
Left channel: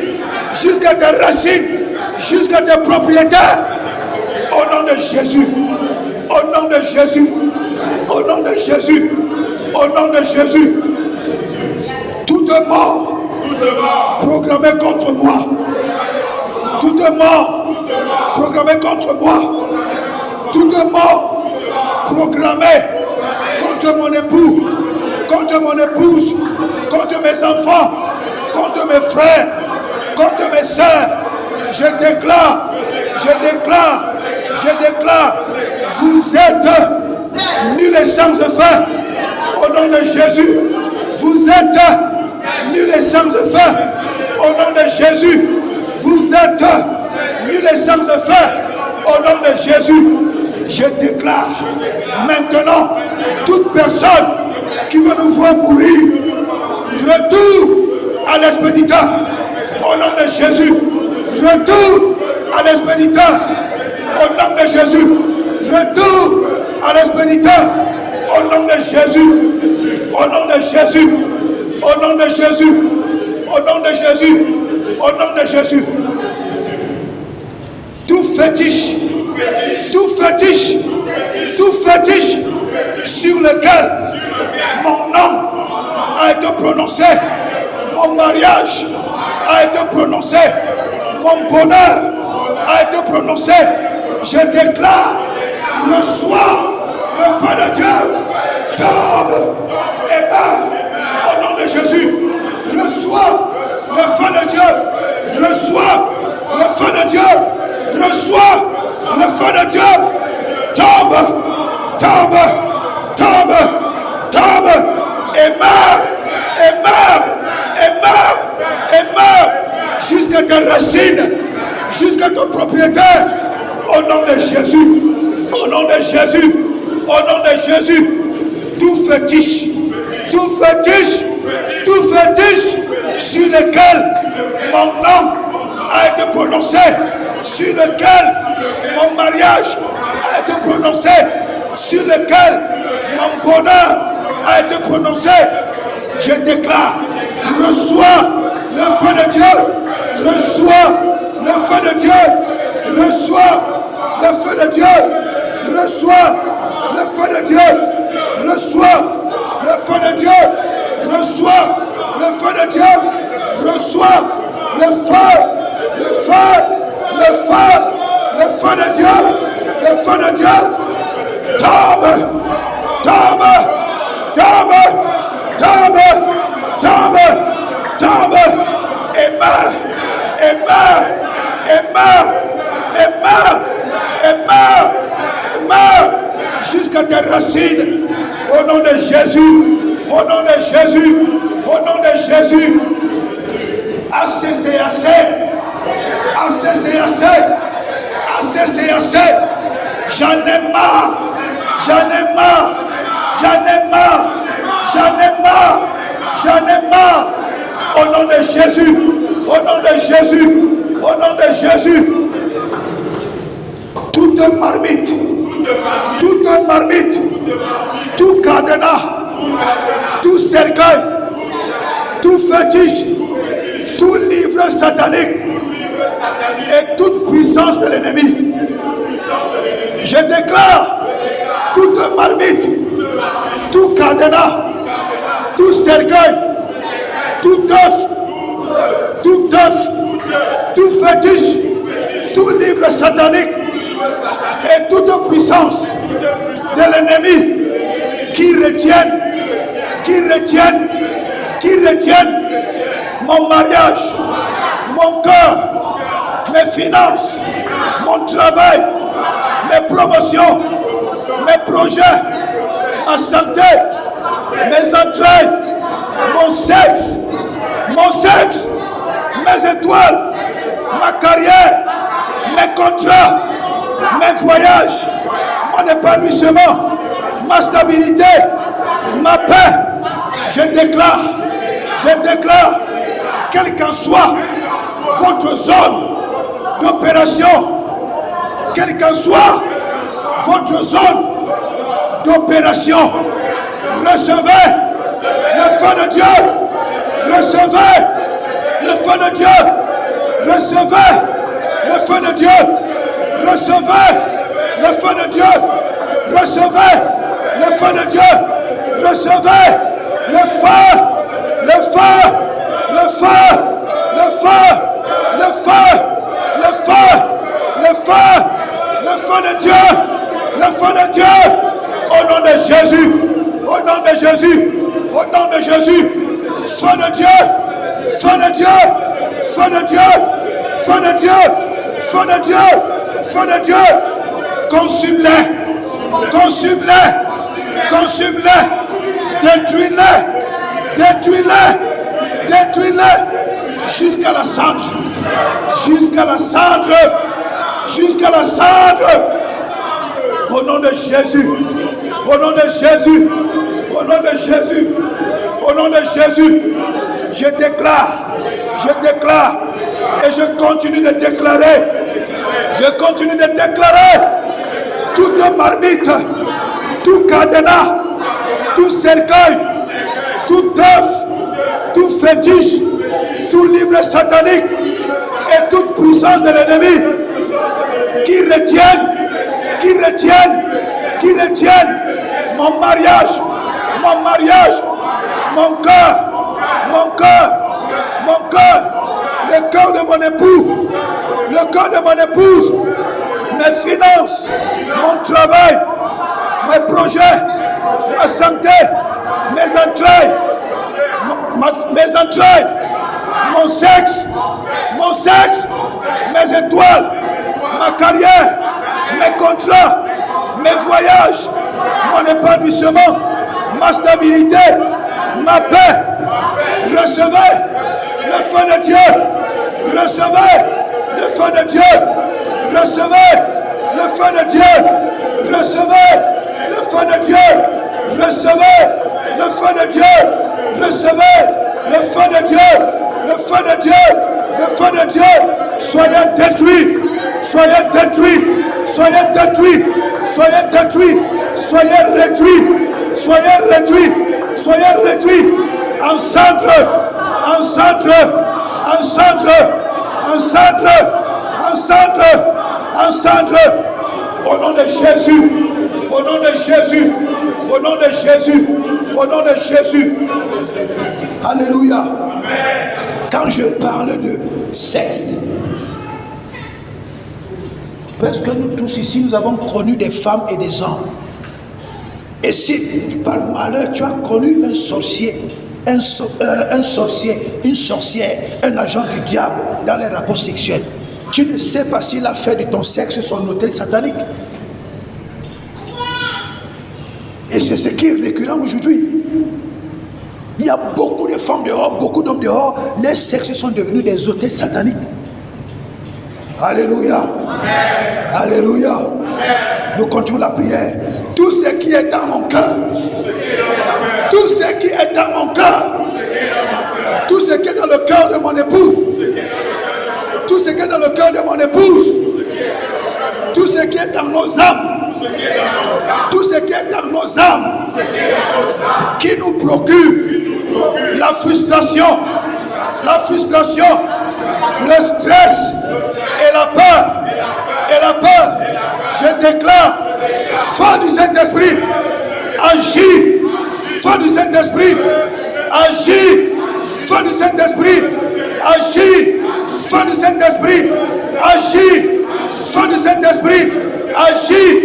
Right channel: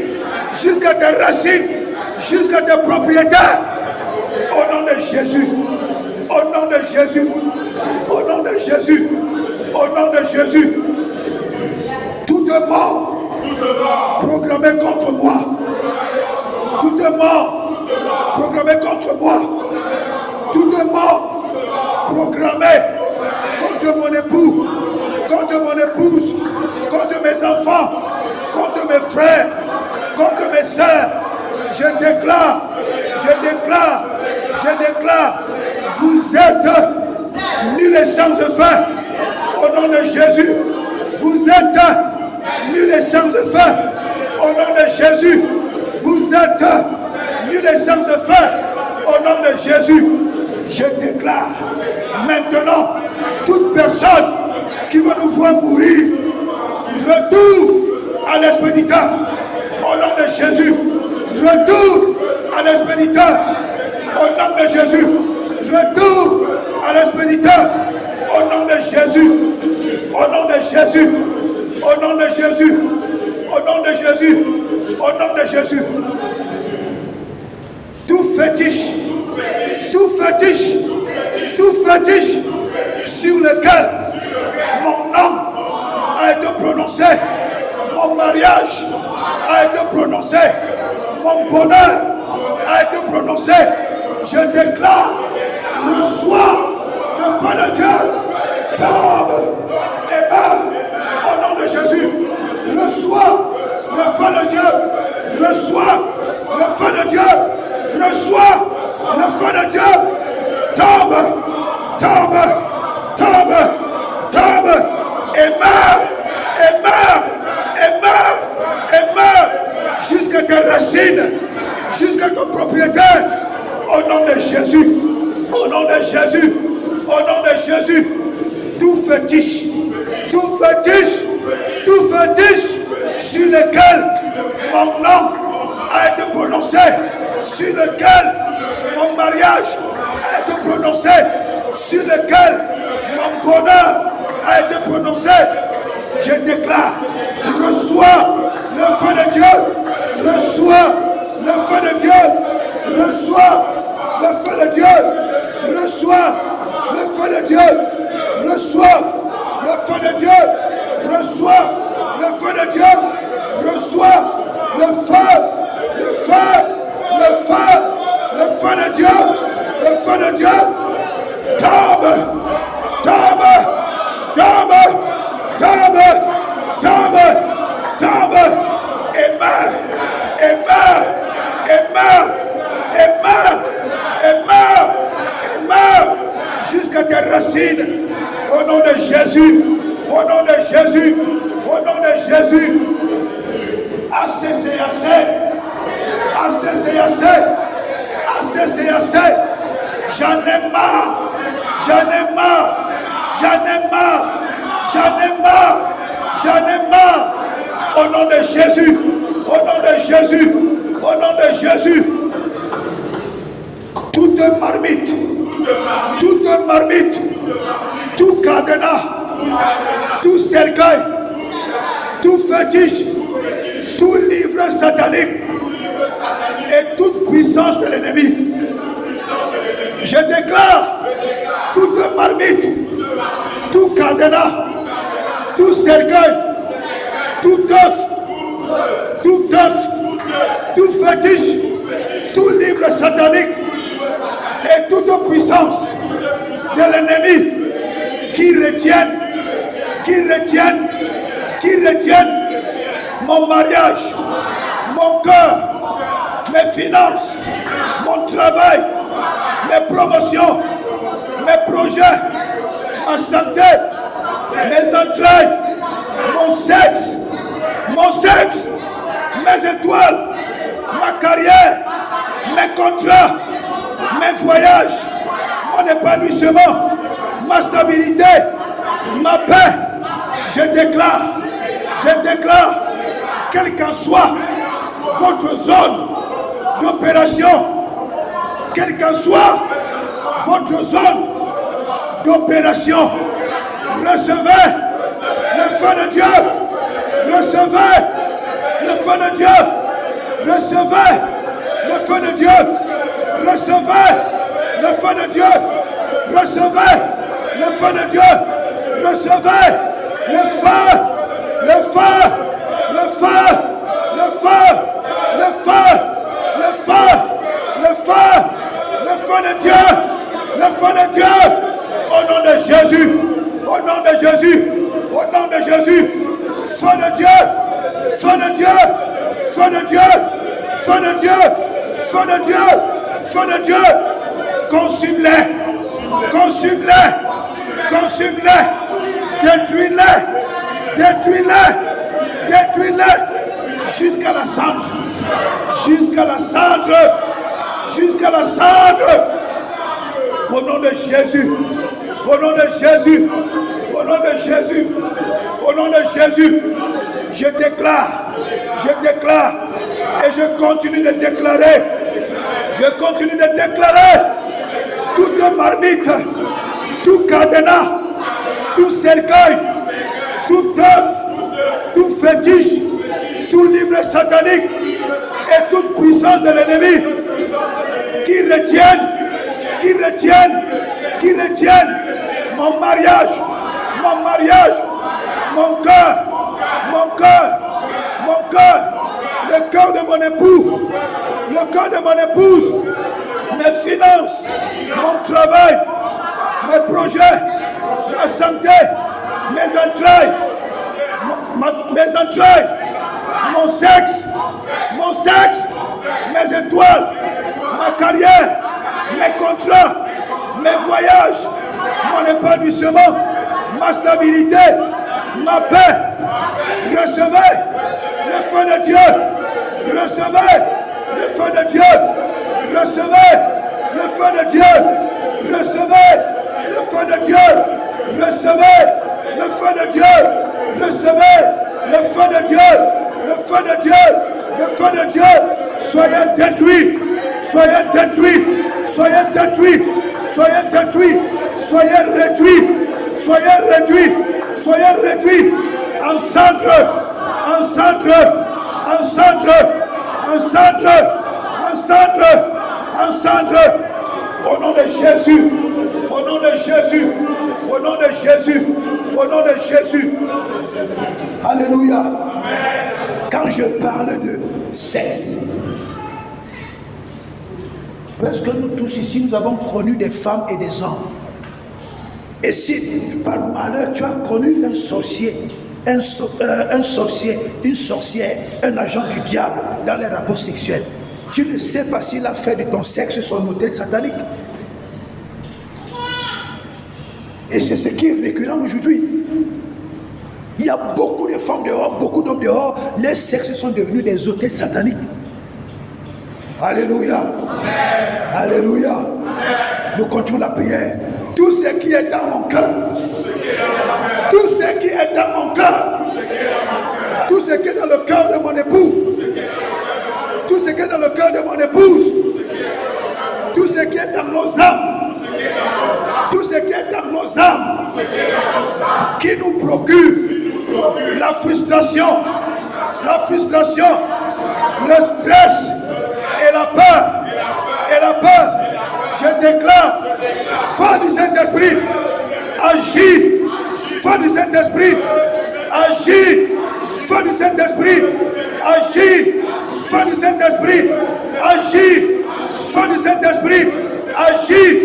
jusqu'à tes racines, jusqu'à tes propriétaires. Au nom de Jésus, au nom de Jésus, au nom de Jésus, au nom de Jésus, toute mort programmée contre moi, toute mort programmée contre moi, toute mort programmée contre mon époux, contre mon épouse, contre mes enfants, contre mes frères, contre mes soeurs, je déclare, vous êtes nuls et sans effet, au nom de Jésus, vous êtes nuls et sans effet, au nom de Jésus, vous êtes nuls et sans effet, au nom de Jésus, je déclare maintenant, toute personne qui va nous voir mourir, retour à l'expéditeur, au nom de Jésus, retour à l'expéditeur, au nom de Jésus, retour à l'expéditeur, au nom de Jésus, au nom de Jésus, au nom de Jésus, au nom de Jésus, au nom de Jésus. Tout fétiche sur lequel mon nom a été prononcé, mon mariage a été prononcé, mon bonheur a été prononcé, je déclare, reçois le feu de Dieu, tombe et meurt au nom de Jésus, reçois le feu de Dieu, reçois le feu de Dieu, reçois le feu de Dieu, tombe et meurt jusqu'à tes racines, jusqu'à ton propriétaire, au nom de Jésus, au nom de Jésus, au nom de Jésus, tout fétiche sur lequel mon nom a été prononcé, sur lequel mon mariage a été prononcé, sur lequel mon bonheur a été prononcé, je déclare, reçois le feu de Dieu, reçois le feu de Dieu, reçois le feu de Dieu, reçois le feu de Dieu, reçois le feu de Dieu, reçois le feu de Dieu, reçois le feu de Dieu, le feu de Dieu, tombe et meurt jusqu'à tes racines, au nom de Jésus, au nom de Jésus, au nom de Jésus. Assez, c'est assez. Assez, c'est assez. Assez, c'est assez. J'en ai marre. J'en ai marre. J'en ai marre. J'en ai marre. J'en ai marre. Au nom de Jésus. Au nom de Jésus. Au nom de Jésus. toute marmite, tout cadenas, tout cercueil, tout fétiche, tout livre satanique et toute puissance de l'ennemi. Je déclare toute marmite, tout cadenas, tout cercueil, tout œuf, tout fétiche, tout livre satanique et toute puissance de l'ennemi qui retiennent mon mariage, mon cœur, mes finances, mon travail, mes promotions, mes projets, ma santé, mes entrailles, mon sexe, mes étoiles, ma carrière, mes contrats, mes voyages, mon épanouissement, ma stabilité, ma paix. Je déclare, quelle qu'en soit votre zone d'opération, quelle qu'en soit votre zone d'opération, recevez le feu de Dieu, recevez le feu de Dieu, recevez le feu de Dieu, recevez le feu de Dieu, recevez le feu de Dieu, recevez le feu, le feu, le feu, le feu, le feu, le feu, le feu, le feu de Dieu, le feu de Dieu, au nom de Jésus, au nom de Jésus, au nom de Jésus, feu de Dieu, feu de Dieu, feu de Dieu, feu de Dieu, feu de Dieu, feu de Dieu, consume-les, consume-les, consume-les, détruis-les, détruis-les, détruis-les, jusqu'à la cendre, jusqu'à la cendre, jusqu'à la cendre, au nom de Jésus, au nom de Jésus, au nom de Jésus, au nom de Jésus, je déclare, et je continue de déclarer, toute marmite, tout cadenas, tout cercueil, tout œuf, tout fétiche, tout livre satanique et toute puissance de l'ennemi qui retiennent mon mariage, mon cœur, le cœur de mon époux, le cœur de mon épouse, mes finances, mon travail, mes projets, ma santé, mes entrailles, mon sexe, mes étoiles, ma carrière, mes contrats, mes voyages, mon épanouissement, ma stabilité, ma paix. Recevez le feu de Dieu, recevez le feu de Dieu, recevez le feu de Dieu, recevez le feu de Dieu, recevez le feu de Dieu, recevez le feu de Dieu, le feu de Dieu, le feu de Dieu. Soyez détruits, soyez détruits, soyez détruits, soyez détruits, soyez réduits, soyez réduits, soyez réduits en cendres, en cendres, en cendres, en cendres, en cendres, en cendres, au nom de Jésus, au nom de Jésus, au nom de Jésus, au nom de Jésus. Alléluia. Quand je parle de sexe, parce que nous tous ici, nous avons connu des femmes et des hommes. Et si par malheur tu as connu un sorcier, une sorcière, un agent du diable dans les rapports sexuels, tu ne sais pas s'il a fait de ton sexe son hôtel satanique. Et c'est ce qui est récurrent aujourd'hui. Il y a beaucoup de femmes dehors, beaucoup d'hommes dehors, les sexes sont devenus des hôtels sataniques. Alléluia. Alléluia. Nous continuons la prière. Tout ce qui est dans mon cœur, tout ce qui est dans mon cœur, tout ce qui est dans le cœur de mon époux, tout ce qui est dans le cœur de mon épouse, tout ce qui est procure la frustration, le stress et la peur. Je déclare, feu du Saint-Esprit, agis, feu du Saint-Esprit, agis, feu du Saint-Esprit, agis, feu du Saint-Esprit, agis, feu du Saint-Esprit, agis,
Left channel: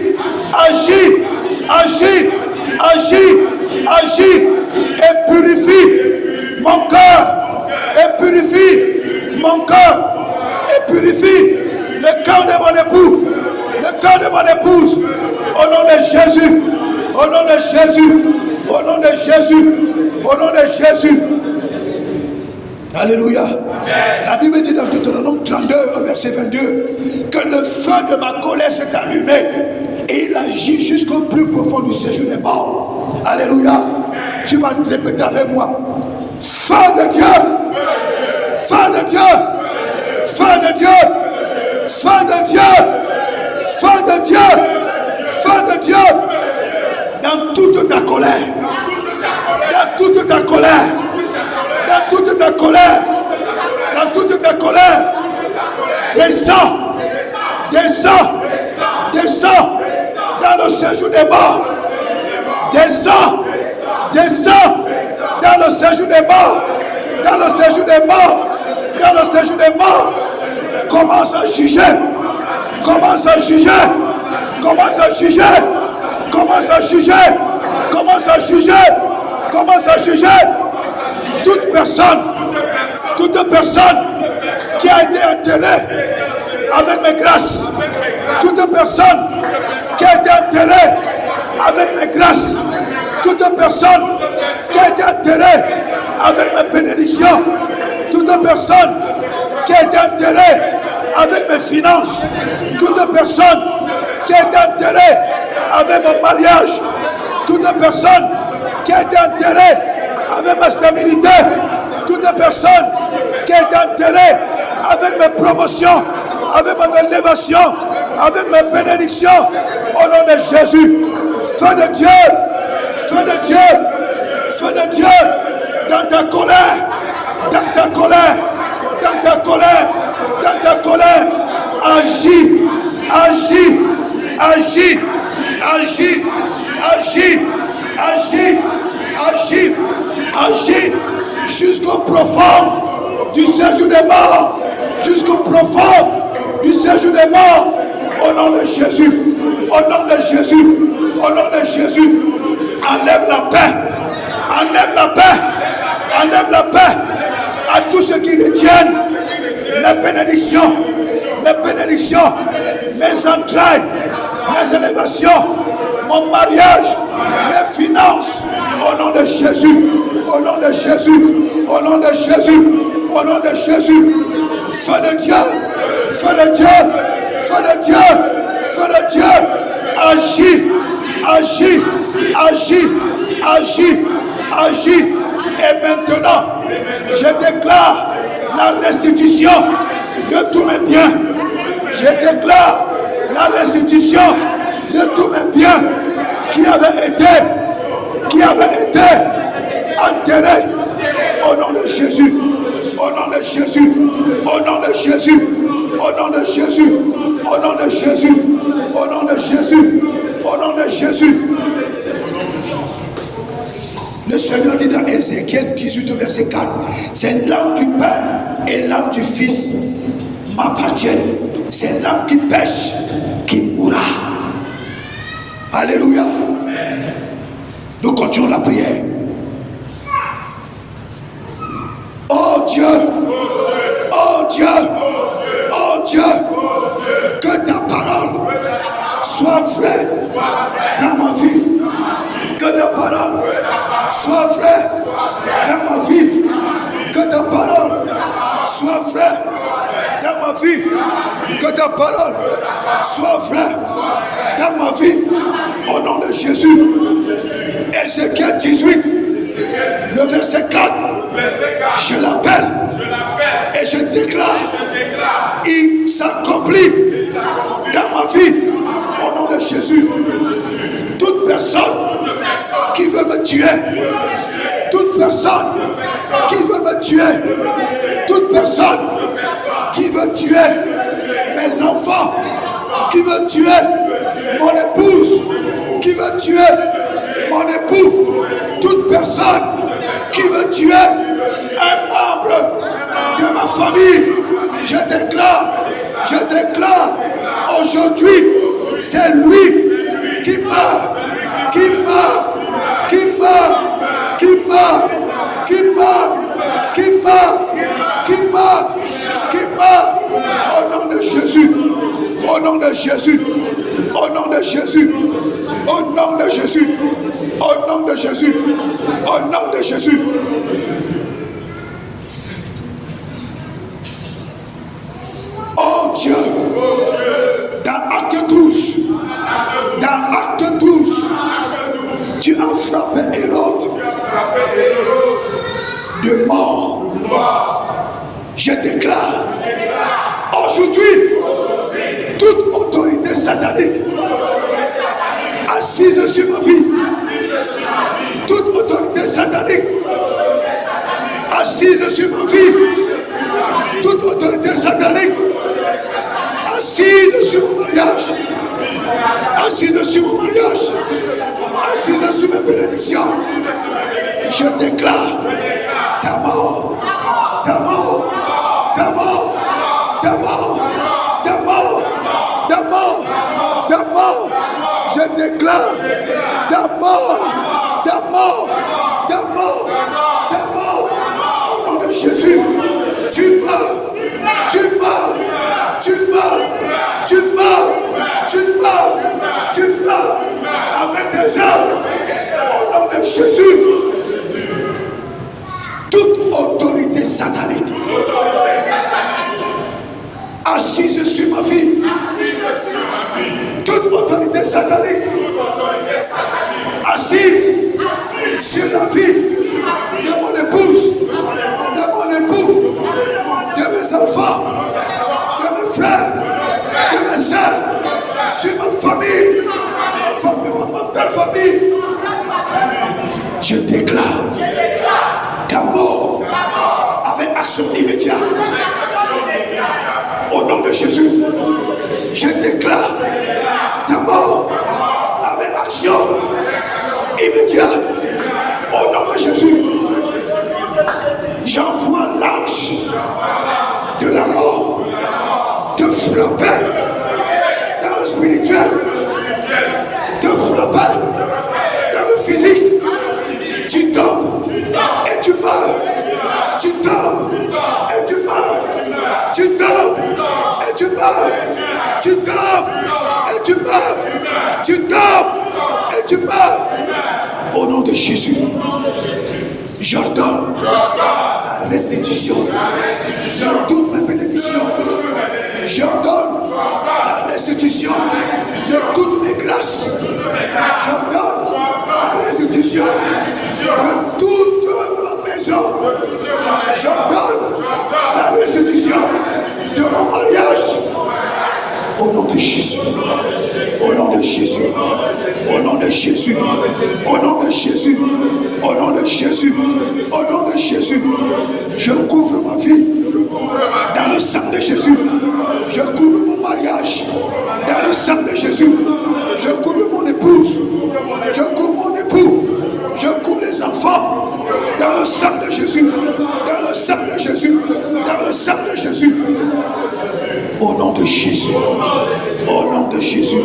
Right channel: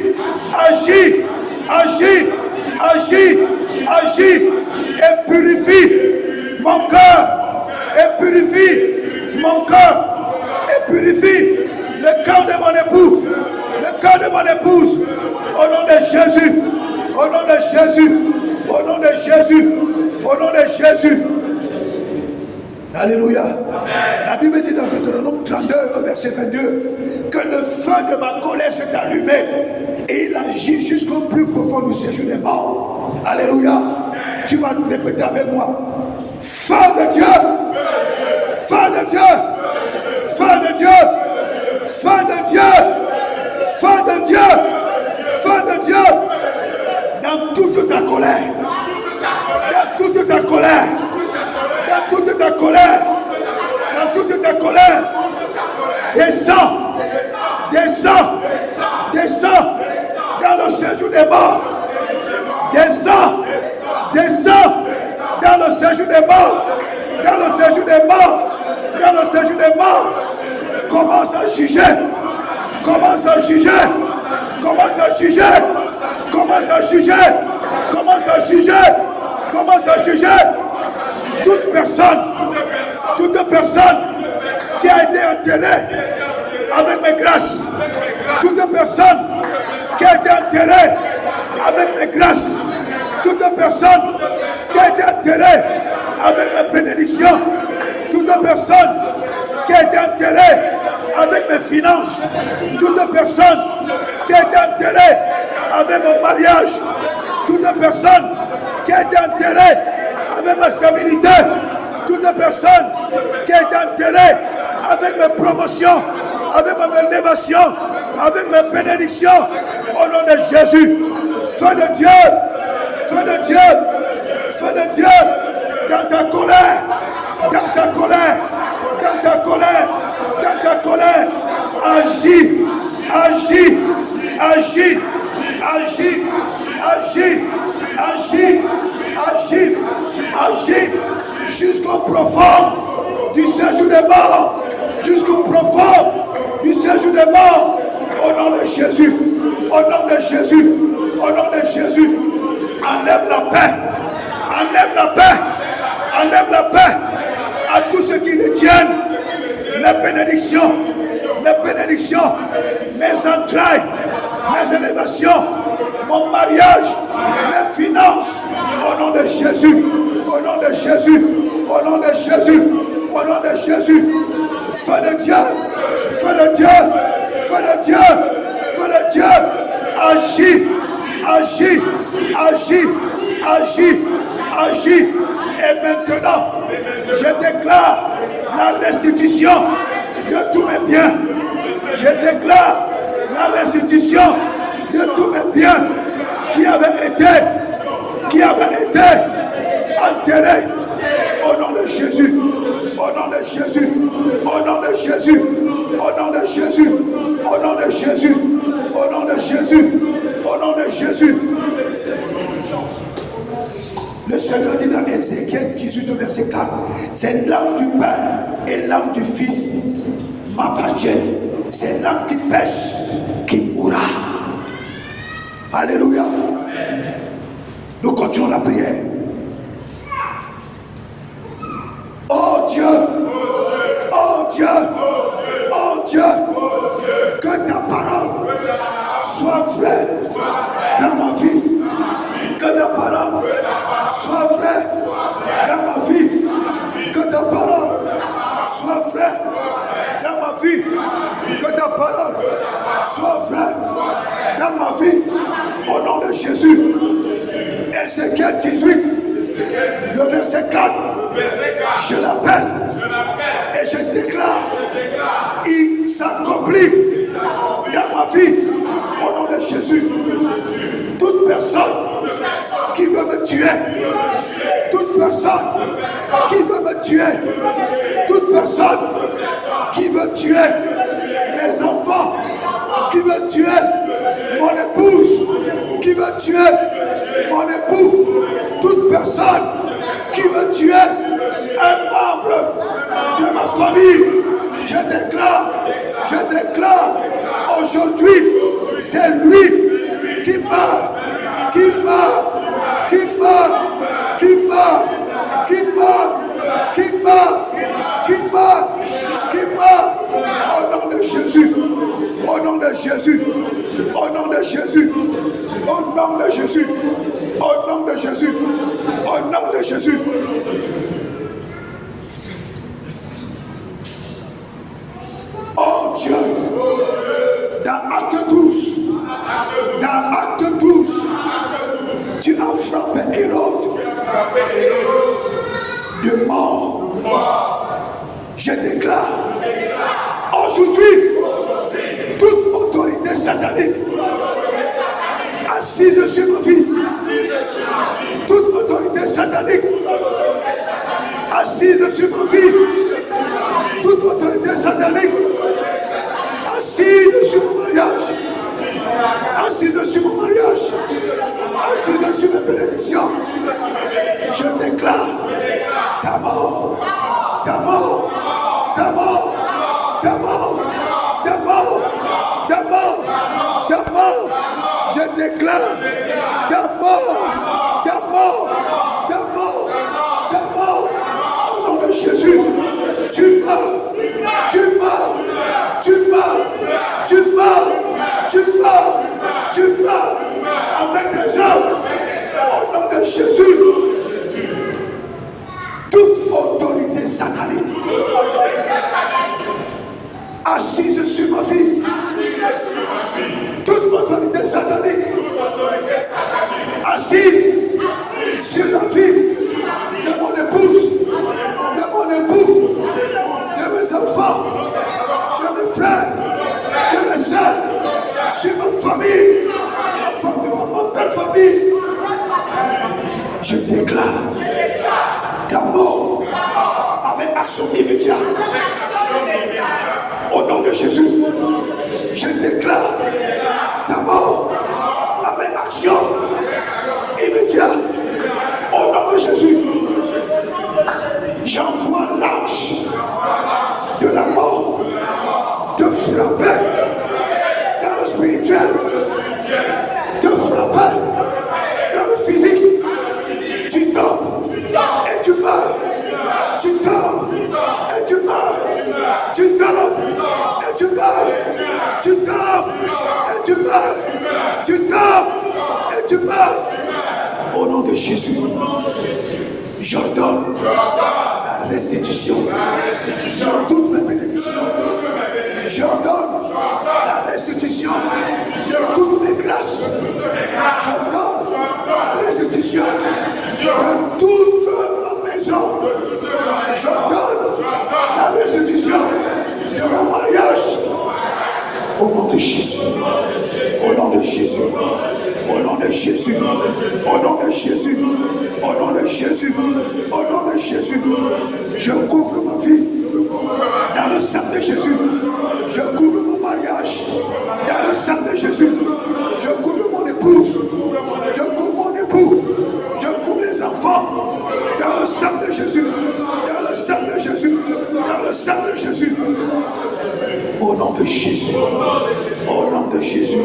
et purifie mon cœur, et purifie le cœur de mon époux, le cœur de mon épouse, au nom de Jésus, au nom de Jésus, au nom de Jésus, au nom de Jésus. Alléluia. La Bible dit dans Deutéronome 32, verset 22, que le feu de ma colère s'est allumé et il agit jusqu'au plus profond du séjour des morts. Alléluia. Tu vas te répéter avec moi. Feu de Dieu, feu de Dieu, feu de Dieu, feu de Dieu, feu de Dieu, feu de Dieu, dans toute ta colère, dans toute ta colère, dans toute ta colère, dans toute ta colère, descends, descends, descends dans le séjour des morts, descends, descends dans le séjour des morts, dans le séjour des morts, dans le séjour des morts. Commence à juger, commence à juger, commence à juger, commence à juger, commence à juger, commence à juger. Toute personne qui a été enterrée avec mes grâces, toute personne qui a été enterrée avec mes grâces, toute personne qui a été enterrée avec mes bénédictions, toute personne qui a été enterrée avec mes finances, toute personne qui a été enterrée avec mon mariage, toute personne qui a été enterrée avec ma stabilité, toute personne qui a été enterrée avec mes promotions, avec mon élévation, avec mes bénédictions, au nom de Jésus, feu de Dieu, feu de Dieu, feu de Dieu, dans ta colère, dans ta colère, dans ta colère, dans ta colère, agis, agis, agis, agis, agis, agis, agis, agis, jusqu'au profond du séjour des morts, jusqu'au profond du séjour des morts, au nom de Jésus, au nom de Jésus, au nom de Jésus, enlève la paix, enlève la paix, enlève la paix à tous ceux qui retiennent mes bénédictions, mes entrailles, mes élévations, mon mariage, mes finances, au nom de Jésus, au nom de Jésus, au nom de Jésus, au nom de Jésus, feu de Dieu, feu de Dieu, feu de Dieu, feu de Dieu, agis, agis, agis, agis, agis, et maintenant, je déclare la restitution de tous mes biens, je déclare la restitution de tous mes biens qui avaient été enterrés au nom de Jésus, au nom de Jésus, au nom de Jésus, au nom de Jésus, au nom de Jésus, au nom de Jésus, au nom de Jésus. Le Seigneur dit dans Ézéchiel 18, verset 4, c'est l'âme du Père et l'âme du Fils m'appartiennent. C'est l'âme qui pêche qui mourra. Alléluia. Nous continuons la prière. Oh Dieu, oh Dieu, oh Dieu, que ta parole soit vraie dans ma vie. Que ta parole soit vraie dans ma vie. Que ta parole soit vraie dans ma vie. Que ta parole soit vraie dans ma vie. Au nom de Jésus. Ézéchiel 18, le verset 4. Je l'appelle et je déclare, il s'accomplit dans ma vie. Au nom de Jésus. Toute personne qui veut me tuer, tuer toute personne qui veut tuer mes enfants, qui veut tuer mon épouse, qui veut tuer mon époux, toute personne qui veut tuer un membre de ma famille, je déclare aujourd'hui, c'est lui qui meurt, au nom de Jésus, au nom de Jésus, au nom de Jésus, au nom de Jésus, au nom de Jésus, au nom de Jésus. Oh Dieu, dans Acte 12, tu as frappé Hérode de mort. Je déclare aujourd'hui toute autorité satanique assise sur ma vie, toute autorité satanique assise sur ma vie, toute autorité satanique assise sur mon mariage, assise sur mon mariage, assise sur mes bénédictions, je déclare ta mort, ta mort, ta mort, ta mort, ta mort, ta mort, ta mort, je déclare ta mort, ta mort, ta mort, ta mort, au nom de Jésus, tu meurs, tu meurs, tu meurs, tu meurs, tu meurs, tu meurs, avec tes œuvres, au nom de Jésus. Toute autorité satanique assise sur ma vie, toute autorité satanique assise sur la vie de mon épouse, de mon époux, de mes enfants, de mes frères, de mes soeurs, sur ma famille, ma belle famille. Je déclare ta mort avec action immédiate. Au nom de Jésus, je déclare ta mort avec action immédiate. Au nom de Jésus, j'envoie l'ange de la mort te frapper dans le spirituel, te frapper dans le physique. Tu tombes et tu meurs. Tu tombes et tu meurs. Tu tombes et tu meurs. Tu tombes et tu meurs. Tu tombes et tu meurs. Au nom de Jésus, j'ordonne la restitution de toutes mes bénédictions. J'ordonne la restitution de toutes mes grâces. J'ordonne la restitution de toute ma maison. J'ordonne la restitution de mon mariage. Au nom de Jésus. Au nom de Jésus. Au nom de Jésus. Au nom de Jésus. Au nom de Jésus. Au nom de Jésus. Je couvre ma vie dans le sang de Jésus. Je couvre mon mariage dans le sang de Jésus. Je couvre mon épouse. Je couvre mon époux. Je couvre les enfants dans le sang de Jésus. Dans le sang de Jésus. Dans le sang de Jésus. Au nom de Jésus. Au nom de Jésus.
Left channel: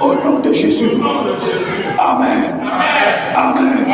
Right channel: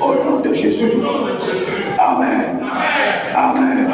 Au nom de Jésus. Amen. Amen.